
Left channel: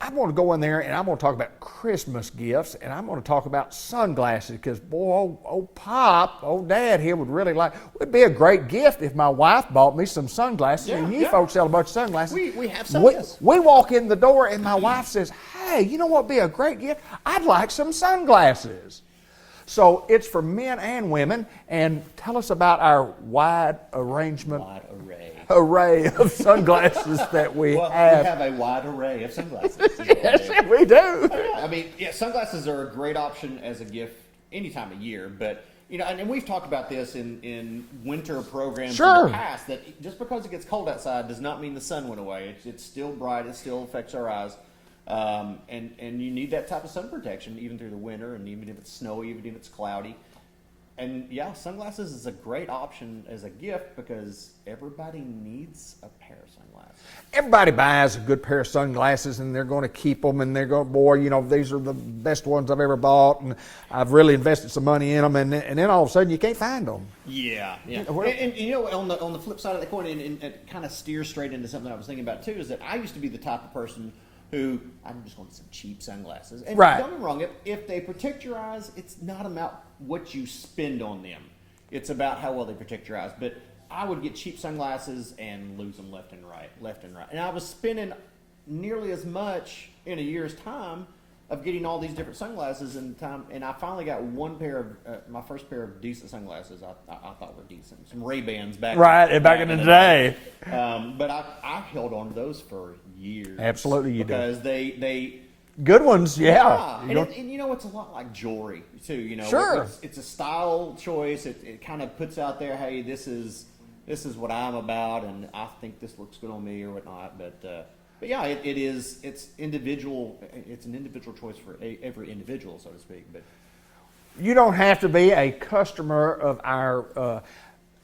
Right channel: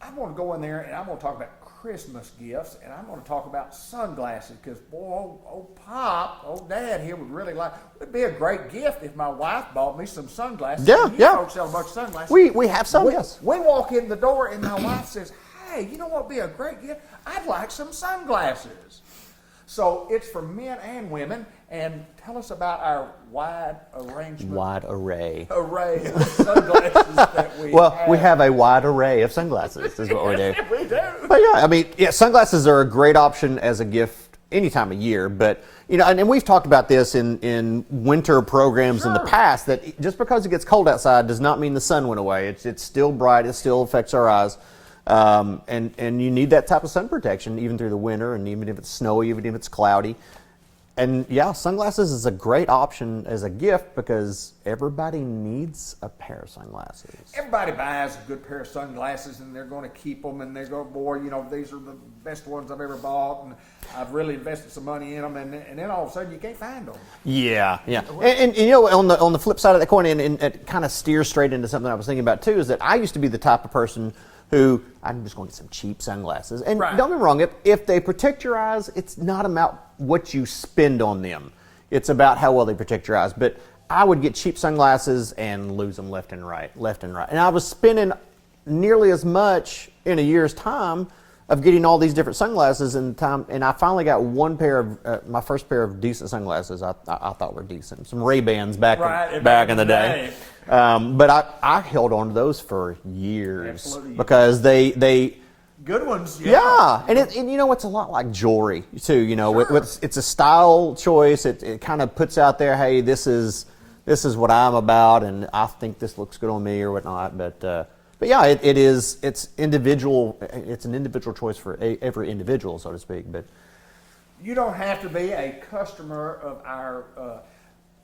I'm going to go in there and I'm going to talk about Christmas gifts, and I'm going to talk about sunglasses, because boy, old Dad here would really like. It would be a great gift if my wife bought me some sunglasses. Yeah, and you folks sell a bunch of sunglasses. We have some. Yes. We walk in the door and my wife says, "Hey, you know what would be a great gift? I'd like some sunglasses." So it's for men and women. And tell us about our wide array of sunglasses that we have. We have a wide array of sunglasses. Is what we do. We do. But yeah, I mean, sunglasses are a great option as a gift any time of year. But and we've talked about this in winter programs in the past. That just because it gets cold outside does not mean the sun went away. It's still bright. It still affects our eyes. And you need that type of sun protection even through the winter, and even if it's snowy, even if it's cloudy. And yeah, sunglasses is a great option as a gift because everybody needs a pair of sunglasses. Everybody buys a good pair of sunglasses and they're going to keep them and they're going, boy, these are the best ones I've ever bought and I've really invested some money in them, and then all of a sudden you can't find them. Yeah. And on the flip side of that coin, and it kind of steers straight into something I was thinking about too, is that I used to be the type of person who, I'm just going to get some cheap sunglasses. And don't get me wrong, if they protect your eyes, it's not about what you spend on them. It's about how well they protect your eyes. But I would get cheap sunglasses and lose them left and right. And I was spending nearly as much in a year's time of getting all these different sunglasses in time, and I finally got one pair of my first pair of decent sunglasses. I thought were decent, some Ray-Bans back in the day. But I held on to those for years, absolutely, because they good ones, and it's a lot like jewelry too. It's a style choice. It kind of puts out there, hey, this is what I'm about, and I think this looks good on me or whatnot. But yeah, it's individual. It's an individual choice for every individual, so to speak. But you don't have to be a customer of our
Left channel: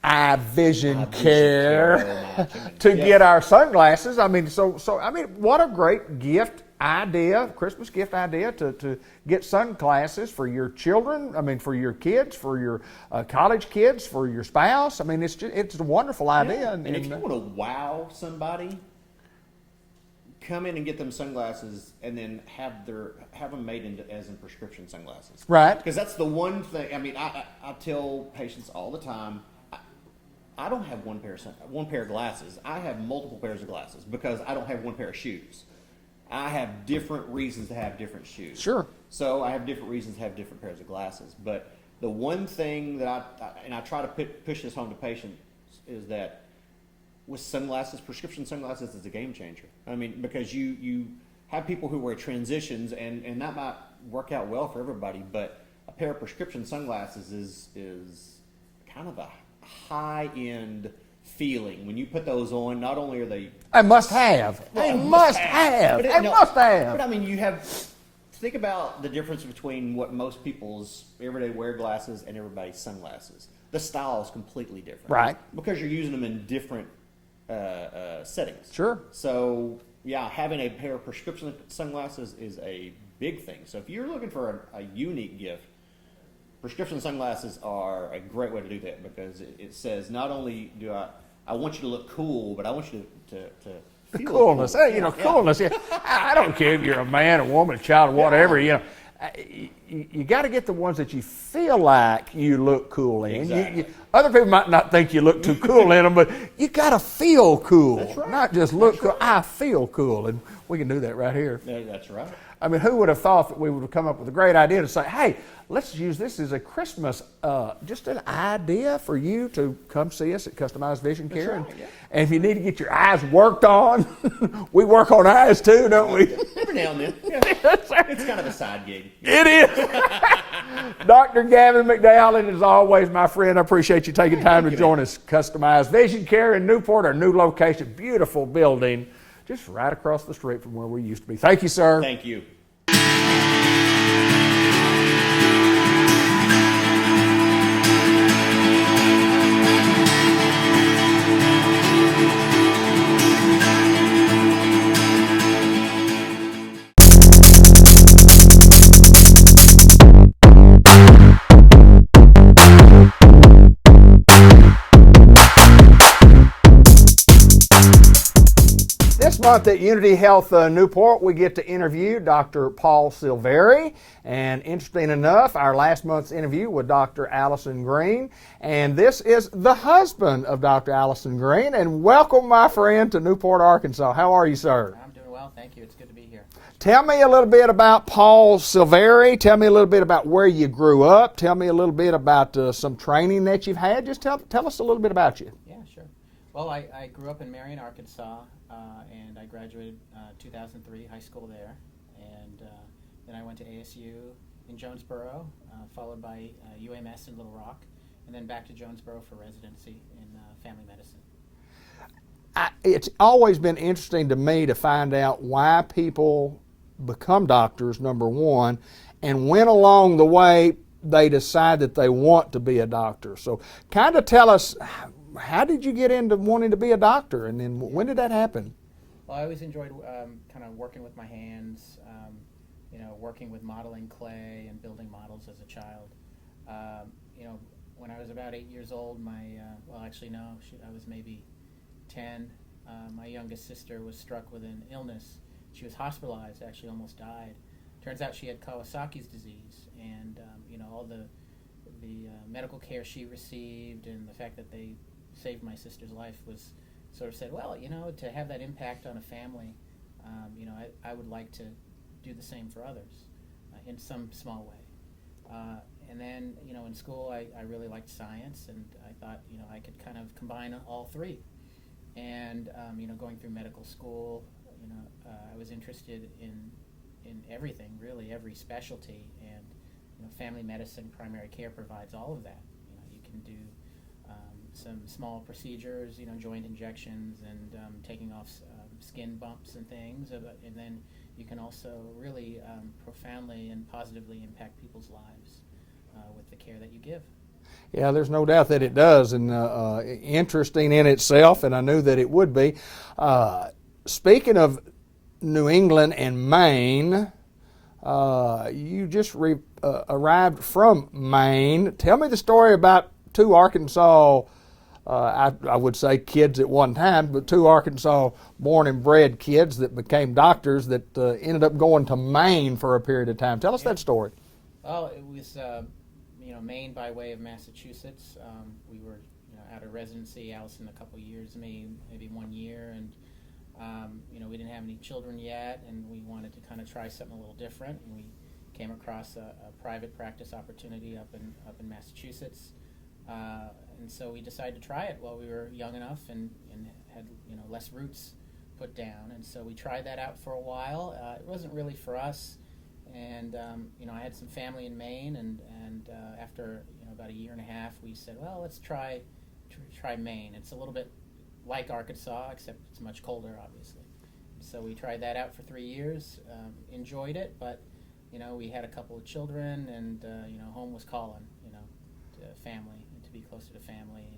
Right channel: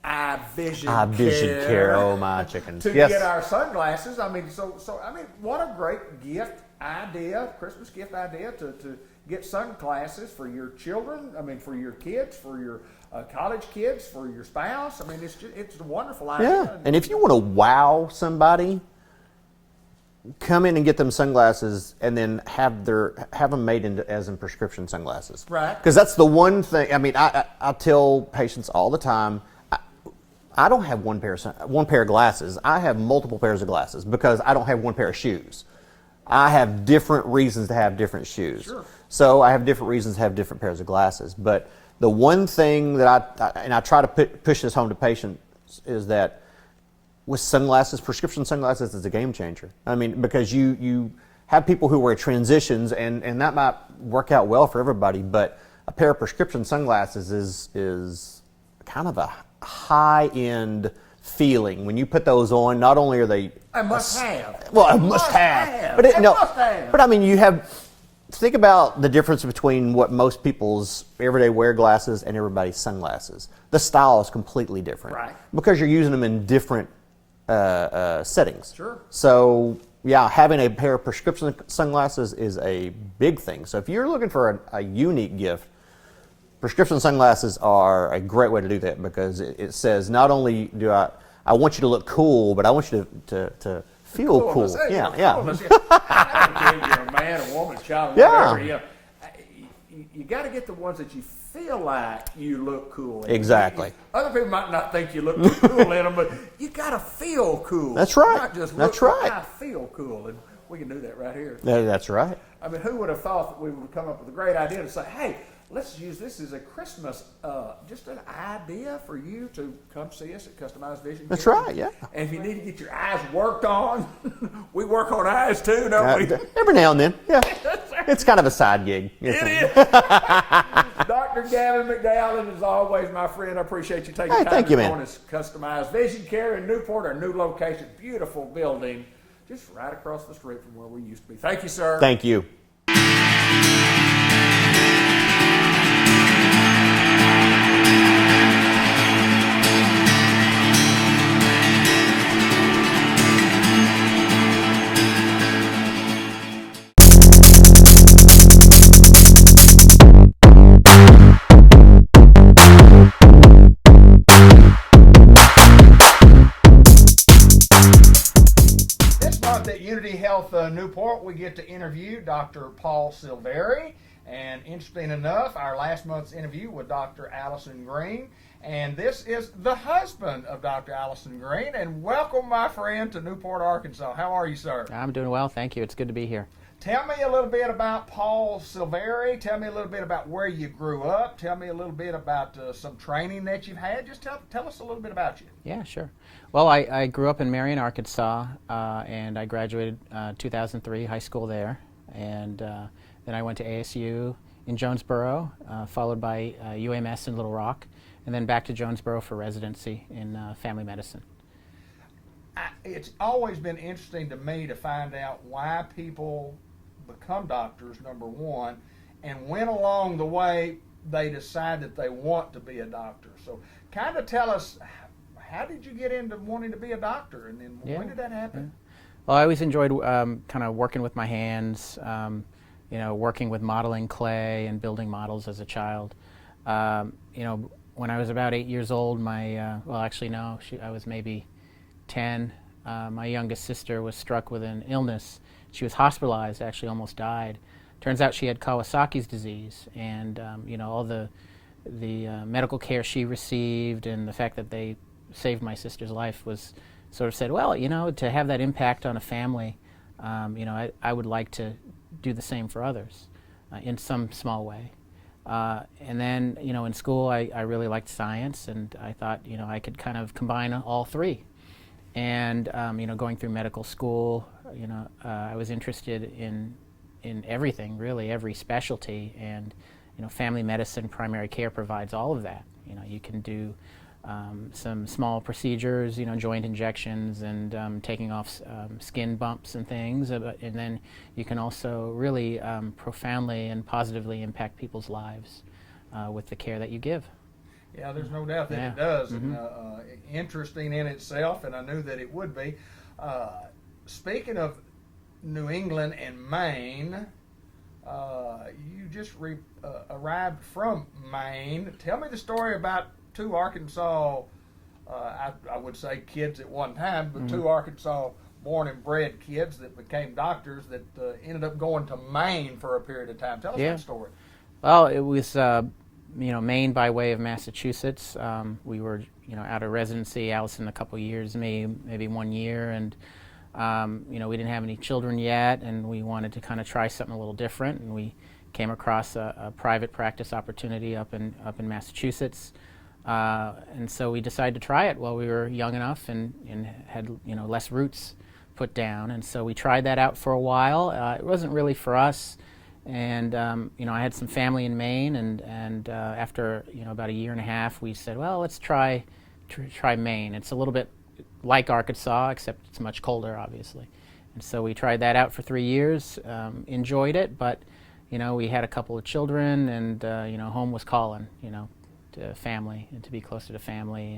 eye vision care. Oh my chicken! To get our sunglasses. I mean, what a great gift idea, Christmas gift idea to get sunglasses for your children. I mean, for your kids, for your college kids, for your spouse. I mean, it's a wonderful idea. Yeah. And if you want to wow somebody, come in and get them sunglasses, and then have them made as prescription sunglasses. Right. Because that's the one thing. I mean, I tell patients all the time, I don't have one pair of glasses. I have multiple pairs of glasses because I don't have one pair of shoes. I have different reasons to have different shoes. Sure. So I have different reasons to have different pairs of glasses. But the one thing that I try to push this home to patients is that with sunglasses, prescription sunglasses is a game changer. I mean, because you have people who wear transitions, and that might work out well for everybody, but a pair of prescription sunglasses is kind of a high-end feeling. When you put those on, not only are they a must-have. Well, a must-have. Must-have. But I mean, think about the difference between what most people's everyday wear glasses and everybody's sunglasses. The style is completely different. Right. Because you're using them in different settings. Sure. So yeah, having a pair of prescription sunglasses is a big thing. So if you're looking for a unique gift, prescription sunglasses are a great way to do that, because it says not only do I want you to look cool, but I want you to feel coolness. cool. Coolness. Yeah. I don't care if you're a man, a woman, a child, or whatever. You got to get the ones that you feel like you look cool in. Exactly. Other people might not think you look too cool in them, but you got to feel cool. That's right. Not just look cool. I feel cool, and we can do that right here. That's right. I mean, who would have thought that we would have come up with a great idea to say, hey, let's use this as a Christmas, just an idea for you to come see us at Customized Vision Care. That's right, yeah. And if you need to get your eyes worked on, we work on eyes too, don't we? Every now and then, yeah. It's kind of a side gig. It is. Dr. Gavin McDowell, and as always, my friend, I appreciate you taking time to join us. Customized Vision Care in Newport, our new location, beautiful building, just right across the street from where we used to be. Thank you, sir. Thank you. This month at Unity Health Newport, we get to interview Dr. Paul Silveri. And interesting enough, our last month's interview with Dr. Allison Green. And this is the husband of Dr. Allison Green. And welcome, my friend, to Newport, Arkansas. How are you, sir? I'm doing well, thank you. It's good to be here. Tell me a little bit about Paul Silveri. Tell me a little bit about where you grew up. Tell me a little bit about some training that you've had. Just tell us a little bit about you. Yeah, sure. Well, I grew up in Marion, Arkansas, and I graduated 2003, high school there. And then I went to ASU in Jonesboro, followed by UMS in Little Rock, and then back to Jonesboro for residency in family medicine. It's always been interesting to me to find out why people become doctors, number one, and when along the way they decide that they want to be a doctor. So kind of tell us, how did you get into wanting to be a doctor, and then when did that happen? Well, I always enjoyed kind of working with my hands, working with modeling clay and building models as a child. When I was about 8 years old, I was maybe 10. My youngest sister was struck with an illness. She was hospitalized, actually almost died. Turns out she had Kawasaki's disease, and all the medical care she received and the fact that they saved my sister's life was sort of said, well, to have that impact on a family, I would like to do the same for others in some small way. And then, in school, I really liked science, and I thought, I could kind of combine all three. And, going through medical school, I was interested in everything, really, every specialty. And, family medicine, primary care provides all of that. You can do some small procedures, joint injections and taking off skin bumps and things. And then you can also really profoundly and positively impact people's lives with the care that you give. Yeah, there's no doubt that it does, and interesting in itself, and I knew that it would be. Speaking of New England and Maine, you just arrived from Maine. Tell me the story about two Arkansas, I would say kids at one time, but two Arkansas born and bred kids that became doctors that ended up going to Maine for a period of time. Tell us that story. Well, it was Maine by way of Massachusetts. We were out of residency, Allison a couple years, maybe 1 year, and we didn't have any children yet, and we wanted to kind of try something a little different, and we came across a private practice opportunity up in Massachusetts. And so we decided to try it while we were young enough and had less roots put down. And so we tried that out for a while. It wasn't really for us. And I had some family in Maine, and after about a year and a half, we said, well, let's try Maine. It's a little bit like Arkansas, except it's much colder, obviously. And so we tried that out for 3 years, enjoyed it, but we had a couple of children, and home was calling, to family and to be closer to family,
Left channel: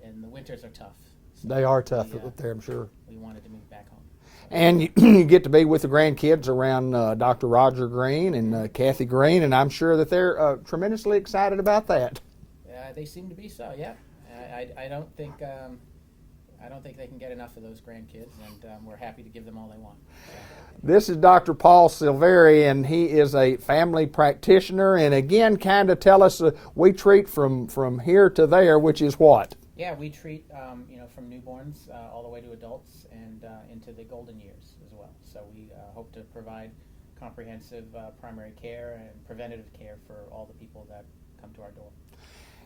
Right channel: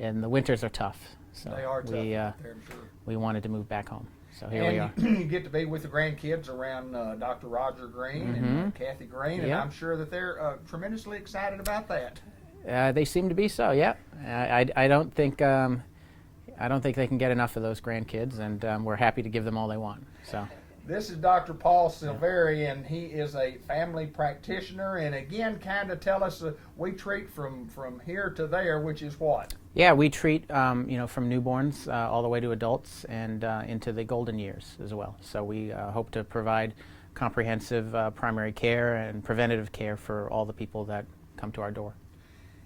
and the winters are tough. So they are tough up there, I'm sure. We wanted to move back home. So and you get to be with the grandkids around Dr. Roger Green and Kathy Green, and I'm sure that they're tremendously excited about that. They seem to be so. Yeah, I don't think they can get enough of those grandkids, and we're happy to give them all they want. So. This is Dr. Paul Silveri, and he is a family practitioner. And again, kind of tell us, we treat from here to there, which is what? Yeah, we treat from newborns all the way to adults and into the golden years as well. So we hope to provide comprehensive primary care and preventative care for all the people that come to our door.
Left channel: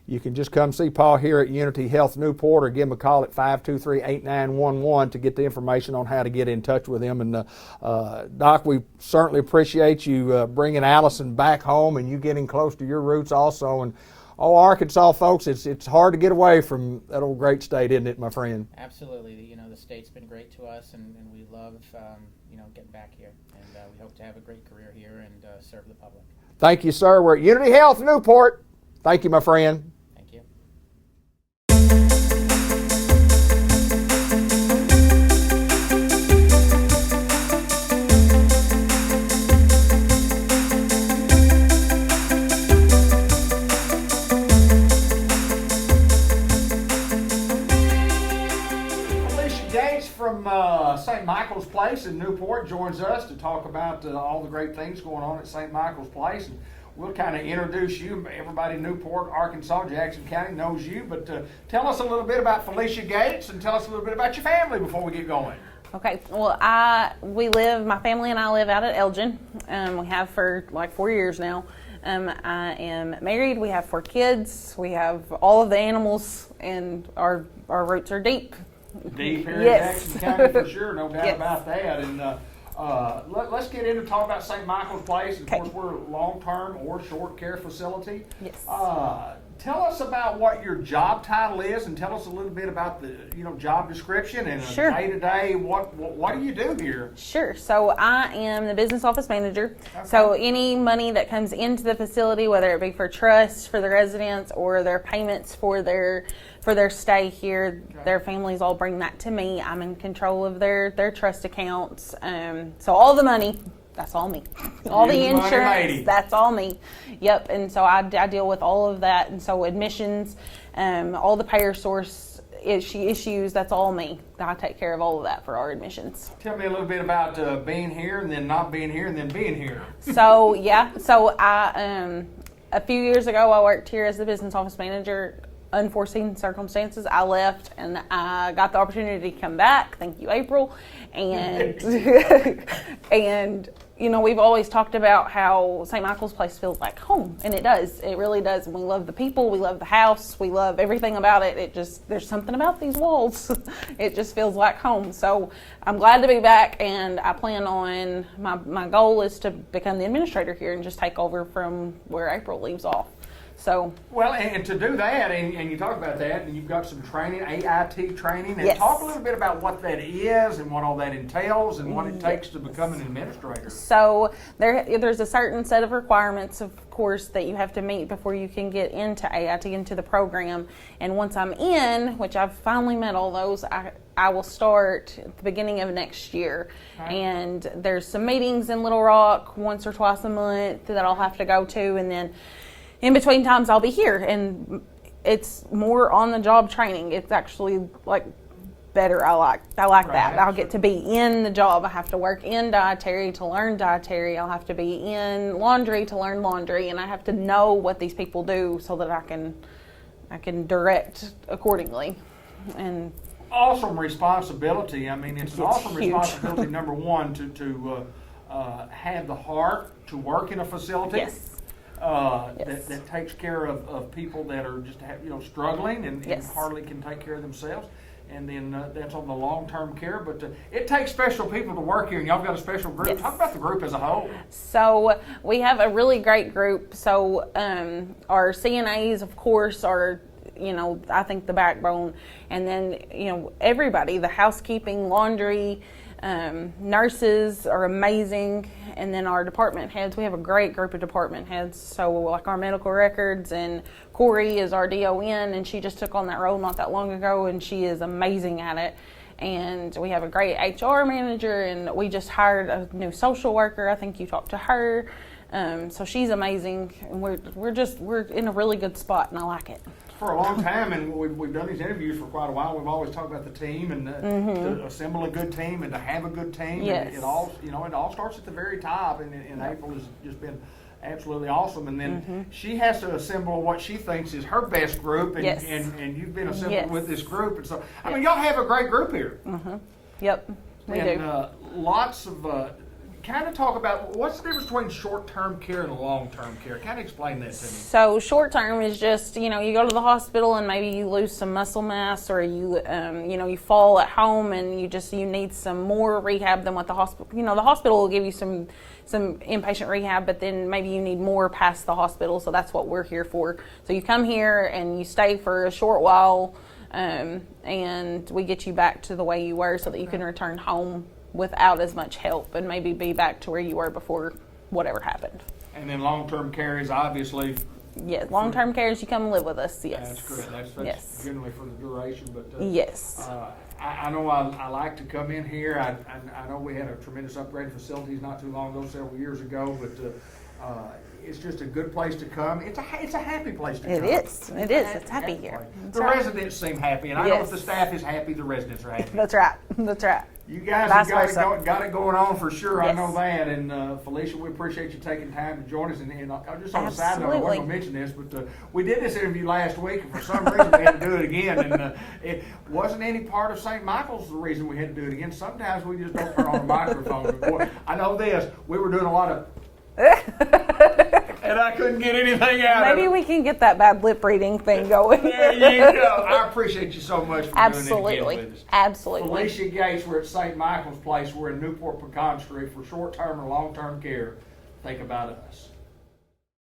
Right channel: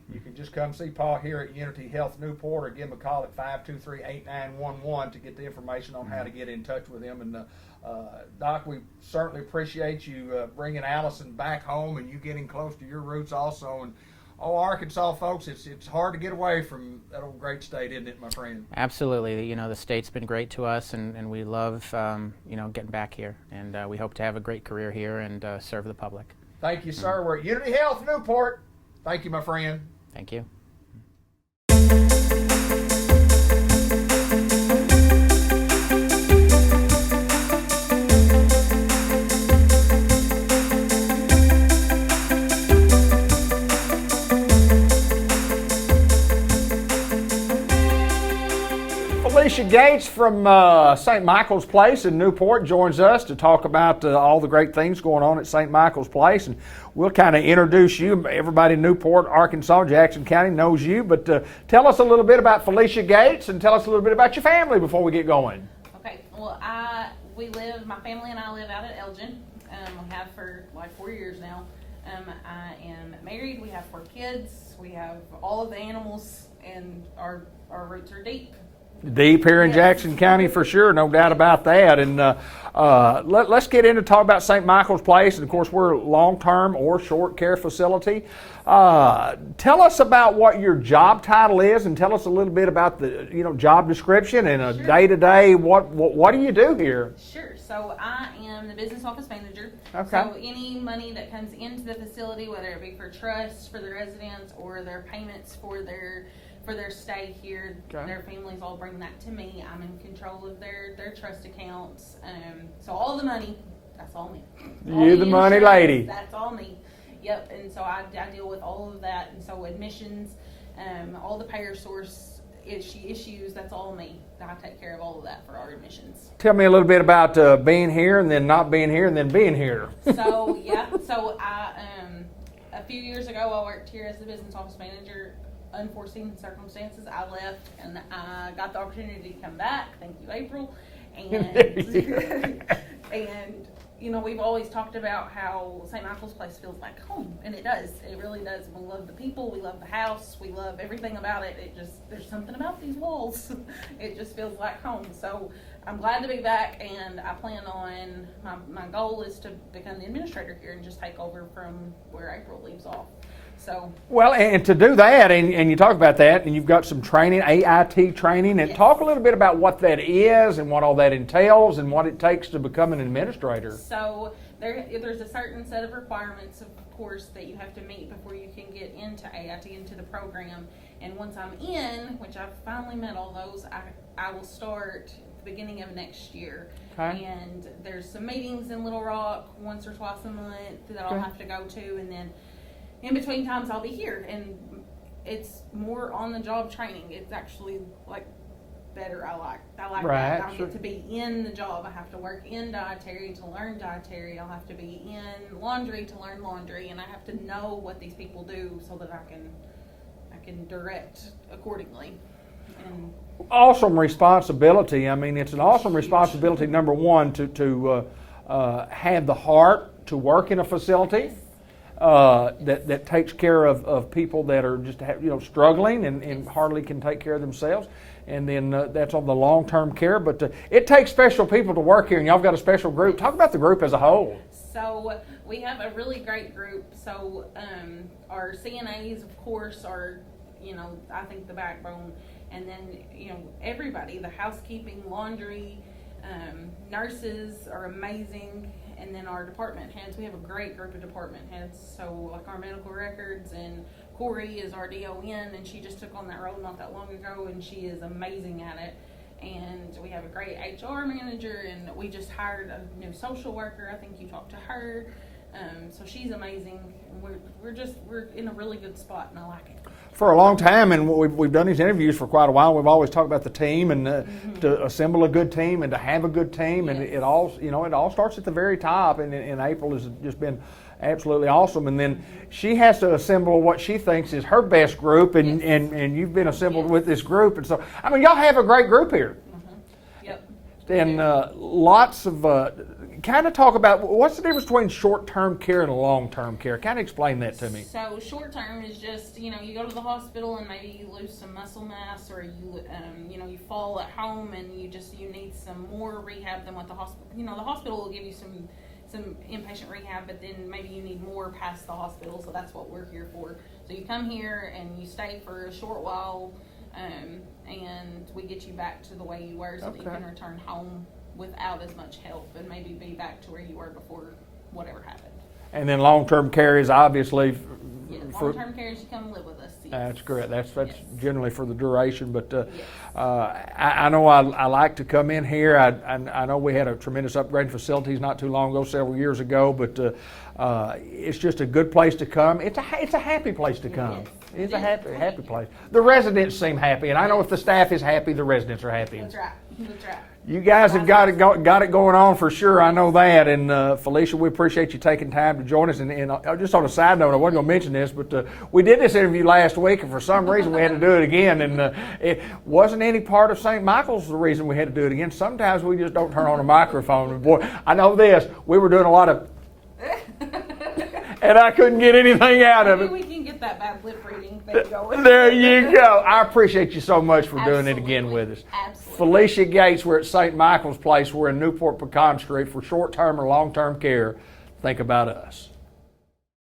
You can just come see Paul here at Unity Health Newport, or give him a call at 523-8911 to get the information on how to get in touch with him. And Doc, we certainly appreciate you bringing Allison back home and you getting close to your roots also. And Arkansas folks, it's hard to get away from that old great state, isn't it, my friend? Absolutely. The state's been great to us, and we love getting back here. And we hope to have a great career here and serve the public. Thank you, sir. We're at Unity Health Newport. Thank you, my friend. Thank you. from St. Michael's Place in Newport joins us to talk about all the great things going on at St. Michael's Place. And we'll kind of introduce you. Everybody in Newport, Arkansas, Jackson County knows you. But tell us a little bit about Felicia Gates and tell us a little bit about your family before we get going. Okay, well, my family and I live out at Elgin. We have for like 4 years now. I am married. We have 4 kids. We have all of the animals, and our roots are deep. Deep here in Yes. Jackson County for sure, no doubt Yes. about that. And let's get into talk about St. Michael's Place. And of course, we're a long-term or short care facility. Tell us about what your job title is, and tell us a little bit about the job description and a Sure. day-to-day. What do you do here? Sure. So I am the business office manager. Okay. So any money that comes into the facility, whether it be for trust for the residents or their payments for their stay here, their families all bring that to me. I'm in control of their trust accounts. So all the money, that's all me. All You're the money lady. That's all me. Yep. And so I deal with all of that. And so admissions, all the payer source issues, that's all me. I take care of all of that for our admissions. Tell me a little bit about being here and then not being here and then being here. So I a few years ago I worked here as the business office manager. Unforeseen circumstances, I left and I got the opportunity to come back. Thank you, April. And and we've always talked about how St. Michael's Place feels like home, and it does. It really does. And we love the people, we love the house, we love everything about it. There's something about these walls. It just feels like home. So I'm glad to be back, and I plan on my goal is to become the administrator here and just take over from where April leaves off. So Well, and to do that, and you talk about that, and you've got some training, AIT training, and Yes. talk a little bit about what that is and what all that entails and what it takes to become an administrator. So there's a certain set of requirements, of course, that you have to meet before you can get into AIT, into the program. And once I'm in, which I've finally met all those, I will start at the beginning of next year. Okay. And there's some meetings in Little Rock once or twice a month that I'll have to go to, and then in between times I'll be here, and it's more on the job training. It's actually like better. I like Right, that. I'll sure. get to be in the job. I have to work in dietary to learn dietary. I'll have to be in laundry to learn laundry, and I have to know what these people do so that I can direct accordingly. And Awesome responsibility. I mean, it's an awesome huge. responsibility, number one, to have the heart to work in a facility. yes. That takes care of people that are just struggling and Yes. hardly can take care of themselves, and then that's on the long-term care. But it takes special people to work here, and y'all got a special group. Yes. Talk about the group as a whole. So we have a really great group. So our CNAs, of course, are I think the backbone, and then everybody, the housekeeping, laundry, nurses are amazing. And then our department heads, we have a great group of department heads. So like our medical records, and Corey is our DON, and she just took on that role not that long ago, and she is amazing at it. And we have a great HR manager, and we just hired a new social worker. I think you talked to her. So she's amazing. And we're in a really good spot, and I like it. For a long time, and we've done these interviews for quite a while. We've always talked about the team and to assemble a good team and to have a good team. Yes. And it all starts at the very top. And April has just been absolutely awesome. And then she has to assemble what she thinks is her best group, and Yes. and you've been assembled Yes. with this group. And so, I mean, y'all have a great group here. Yep. we And do. lots of kind of talk about what's the difference between short-term care and long-term care. Kind of explain that to me. So short term is just you go to the hospital and maybe you lose some muscle mass, or you you fall at home and you need some more rehab than what the hospital. The hospital will give you some inpatient rehab, but then maybe you need more past the hospital. So that's what we're here for. So you come here and you stay for a short while, and we get you back to the way you were, so that you can return home without as much help and maybe be back to where you were before whatever happened. And then long-term care is obviously. Yes, long-term care is you come live with us. Yes. That's correct. That's Yes. generally for the duration. But Yes. I know I like to come in here. I know we had a tremendous upgrade facilities not too long ago, several years ago. But It's just a good place to come. It's a happy place to come. It is. It is. It's happy here. Place. That's The right. residents seem happy, and I know if the Yes. staff is happy, the residents are happy. That's right. That's right. You guys have Vice got versa. it going on for sure. I Yes. know that. And Felicia, we appreciate you taking time to join us. And just on a side note, I wasn't going to mention this, but we did this interview last week, and for some reason we had to do it again. And it wasn't any part of St. Michael's the reason we had to do it again. Sometimes we just don't turn on the microphone. And boy, I know this. We were doing a lot of, and I couldn't get anything out of it. Maybe we can get that bad lip reading thing going. There you go. I appreciate you so much for doing it Absolutely. again with us. Absolutely. Felicia Gates, we're at St. Michael's Place. We're in Newport Pecan Street for short-term or long-term care. Think about us.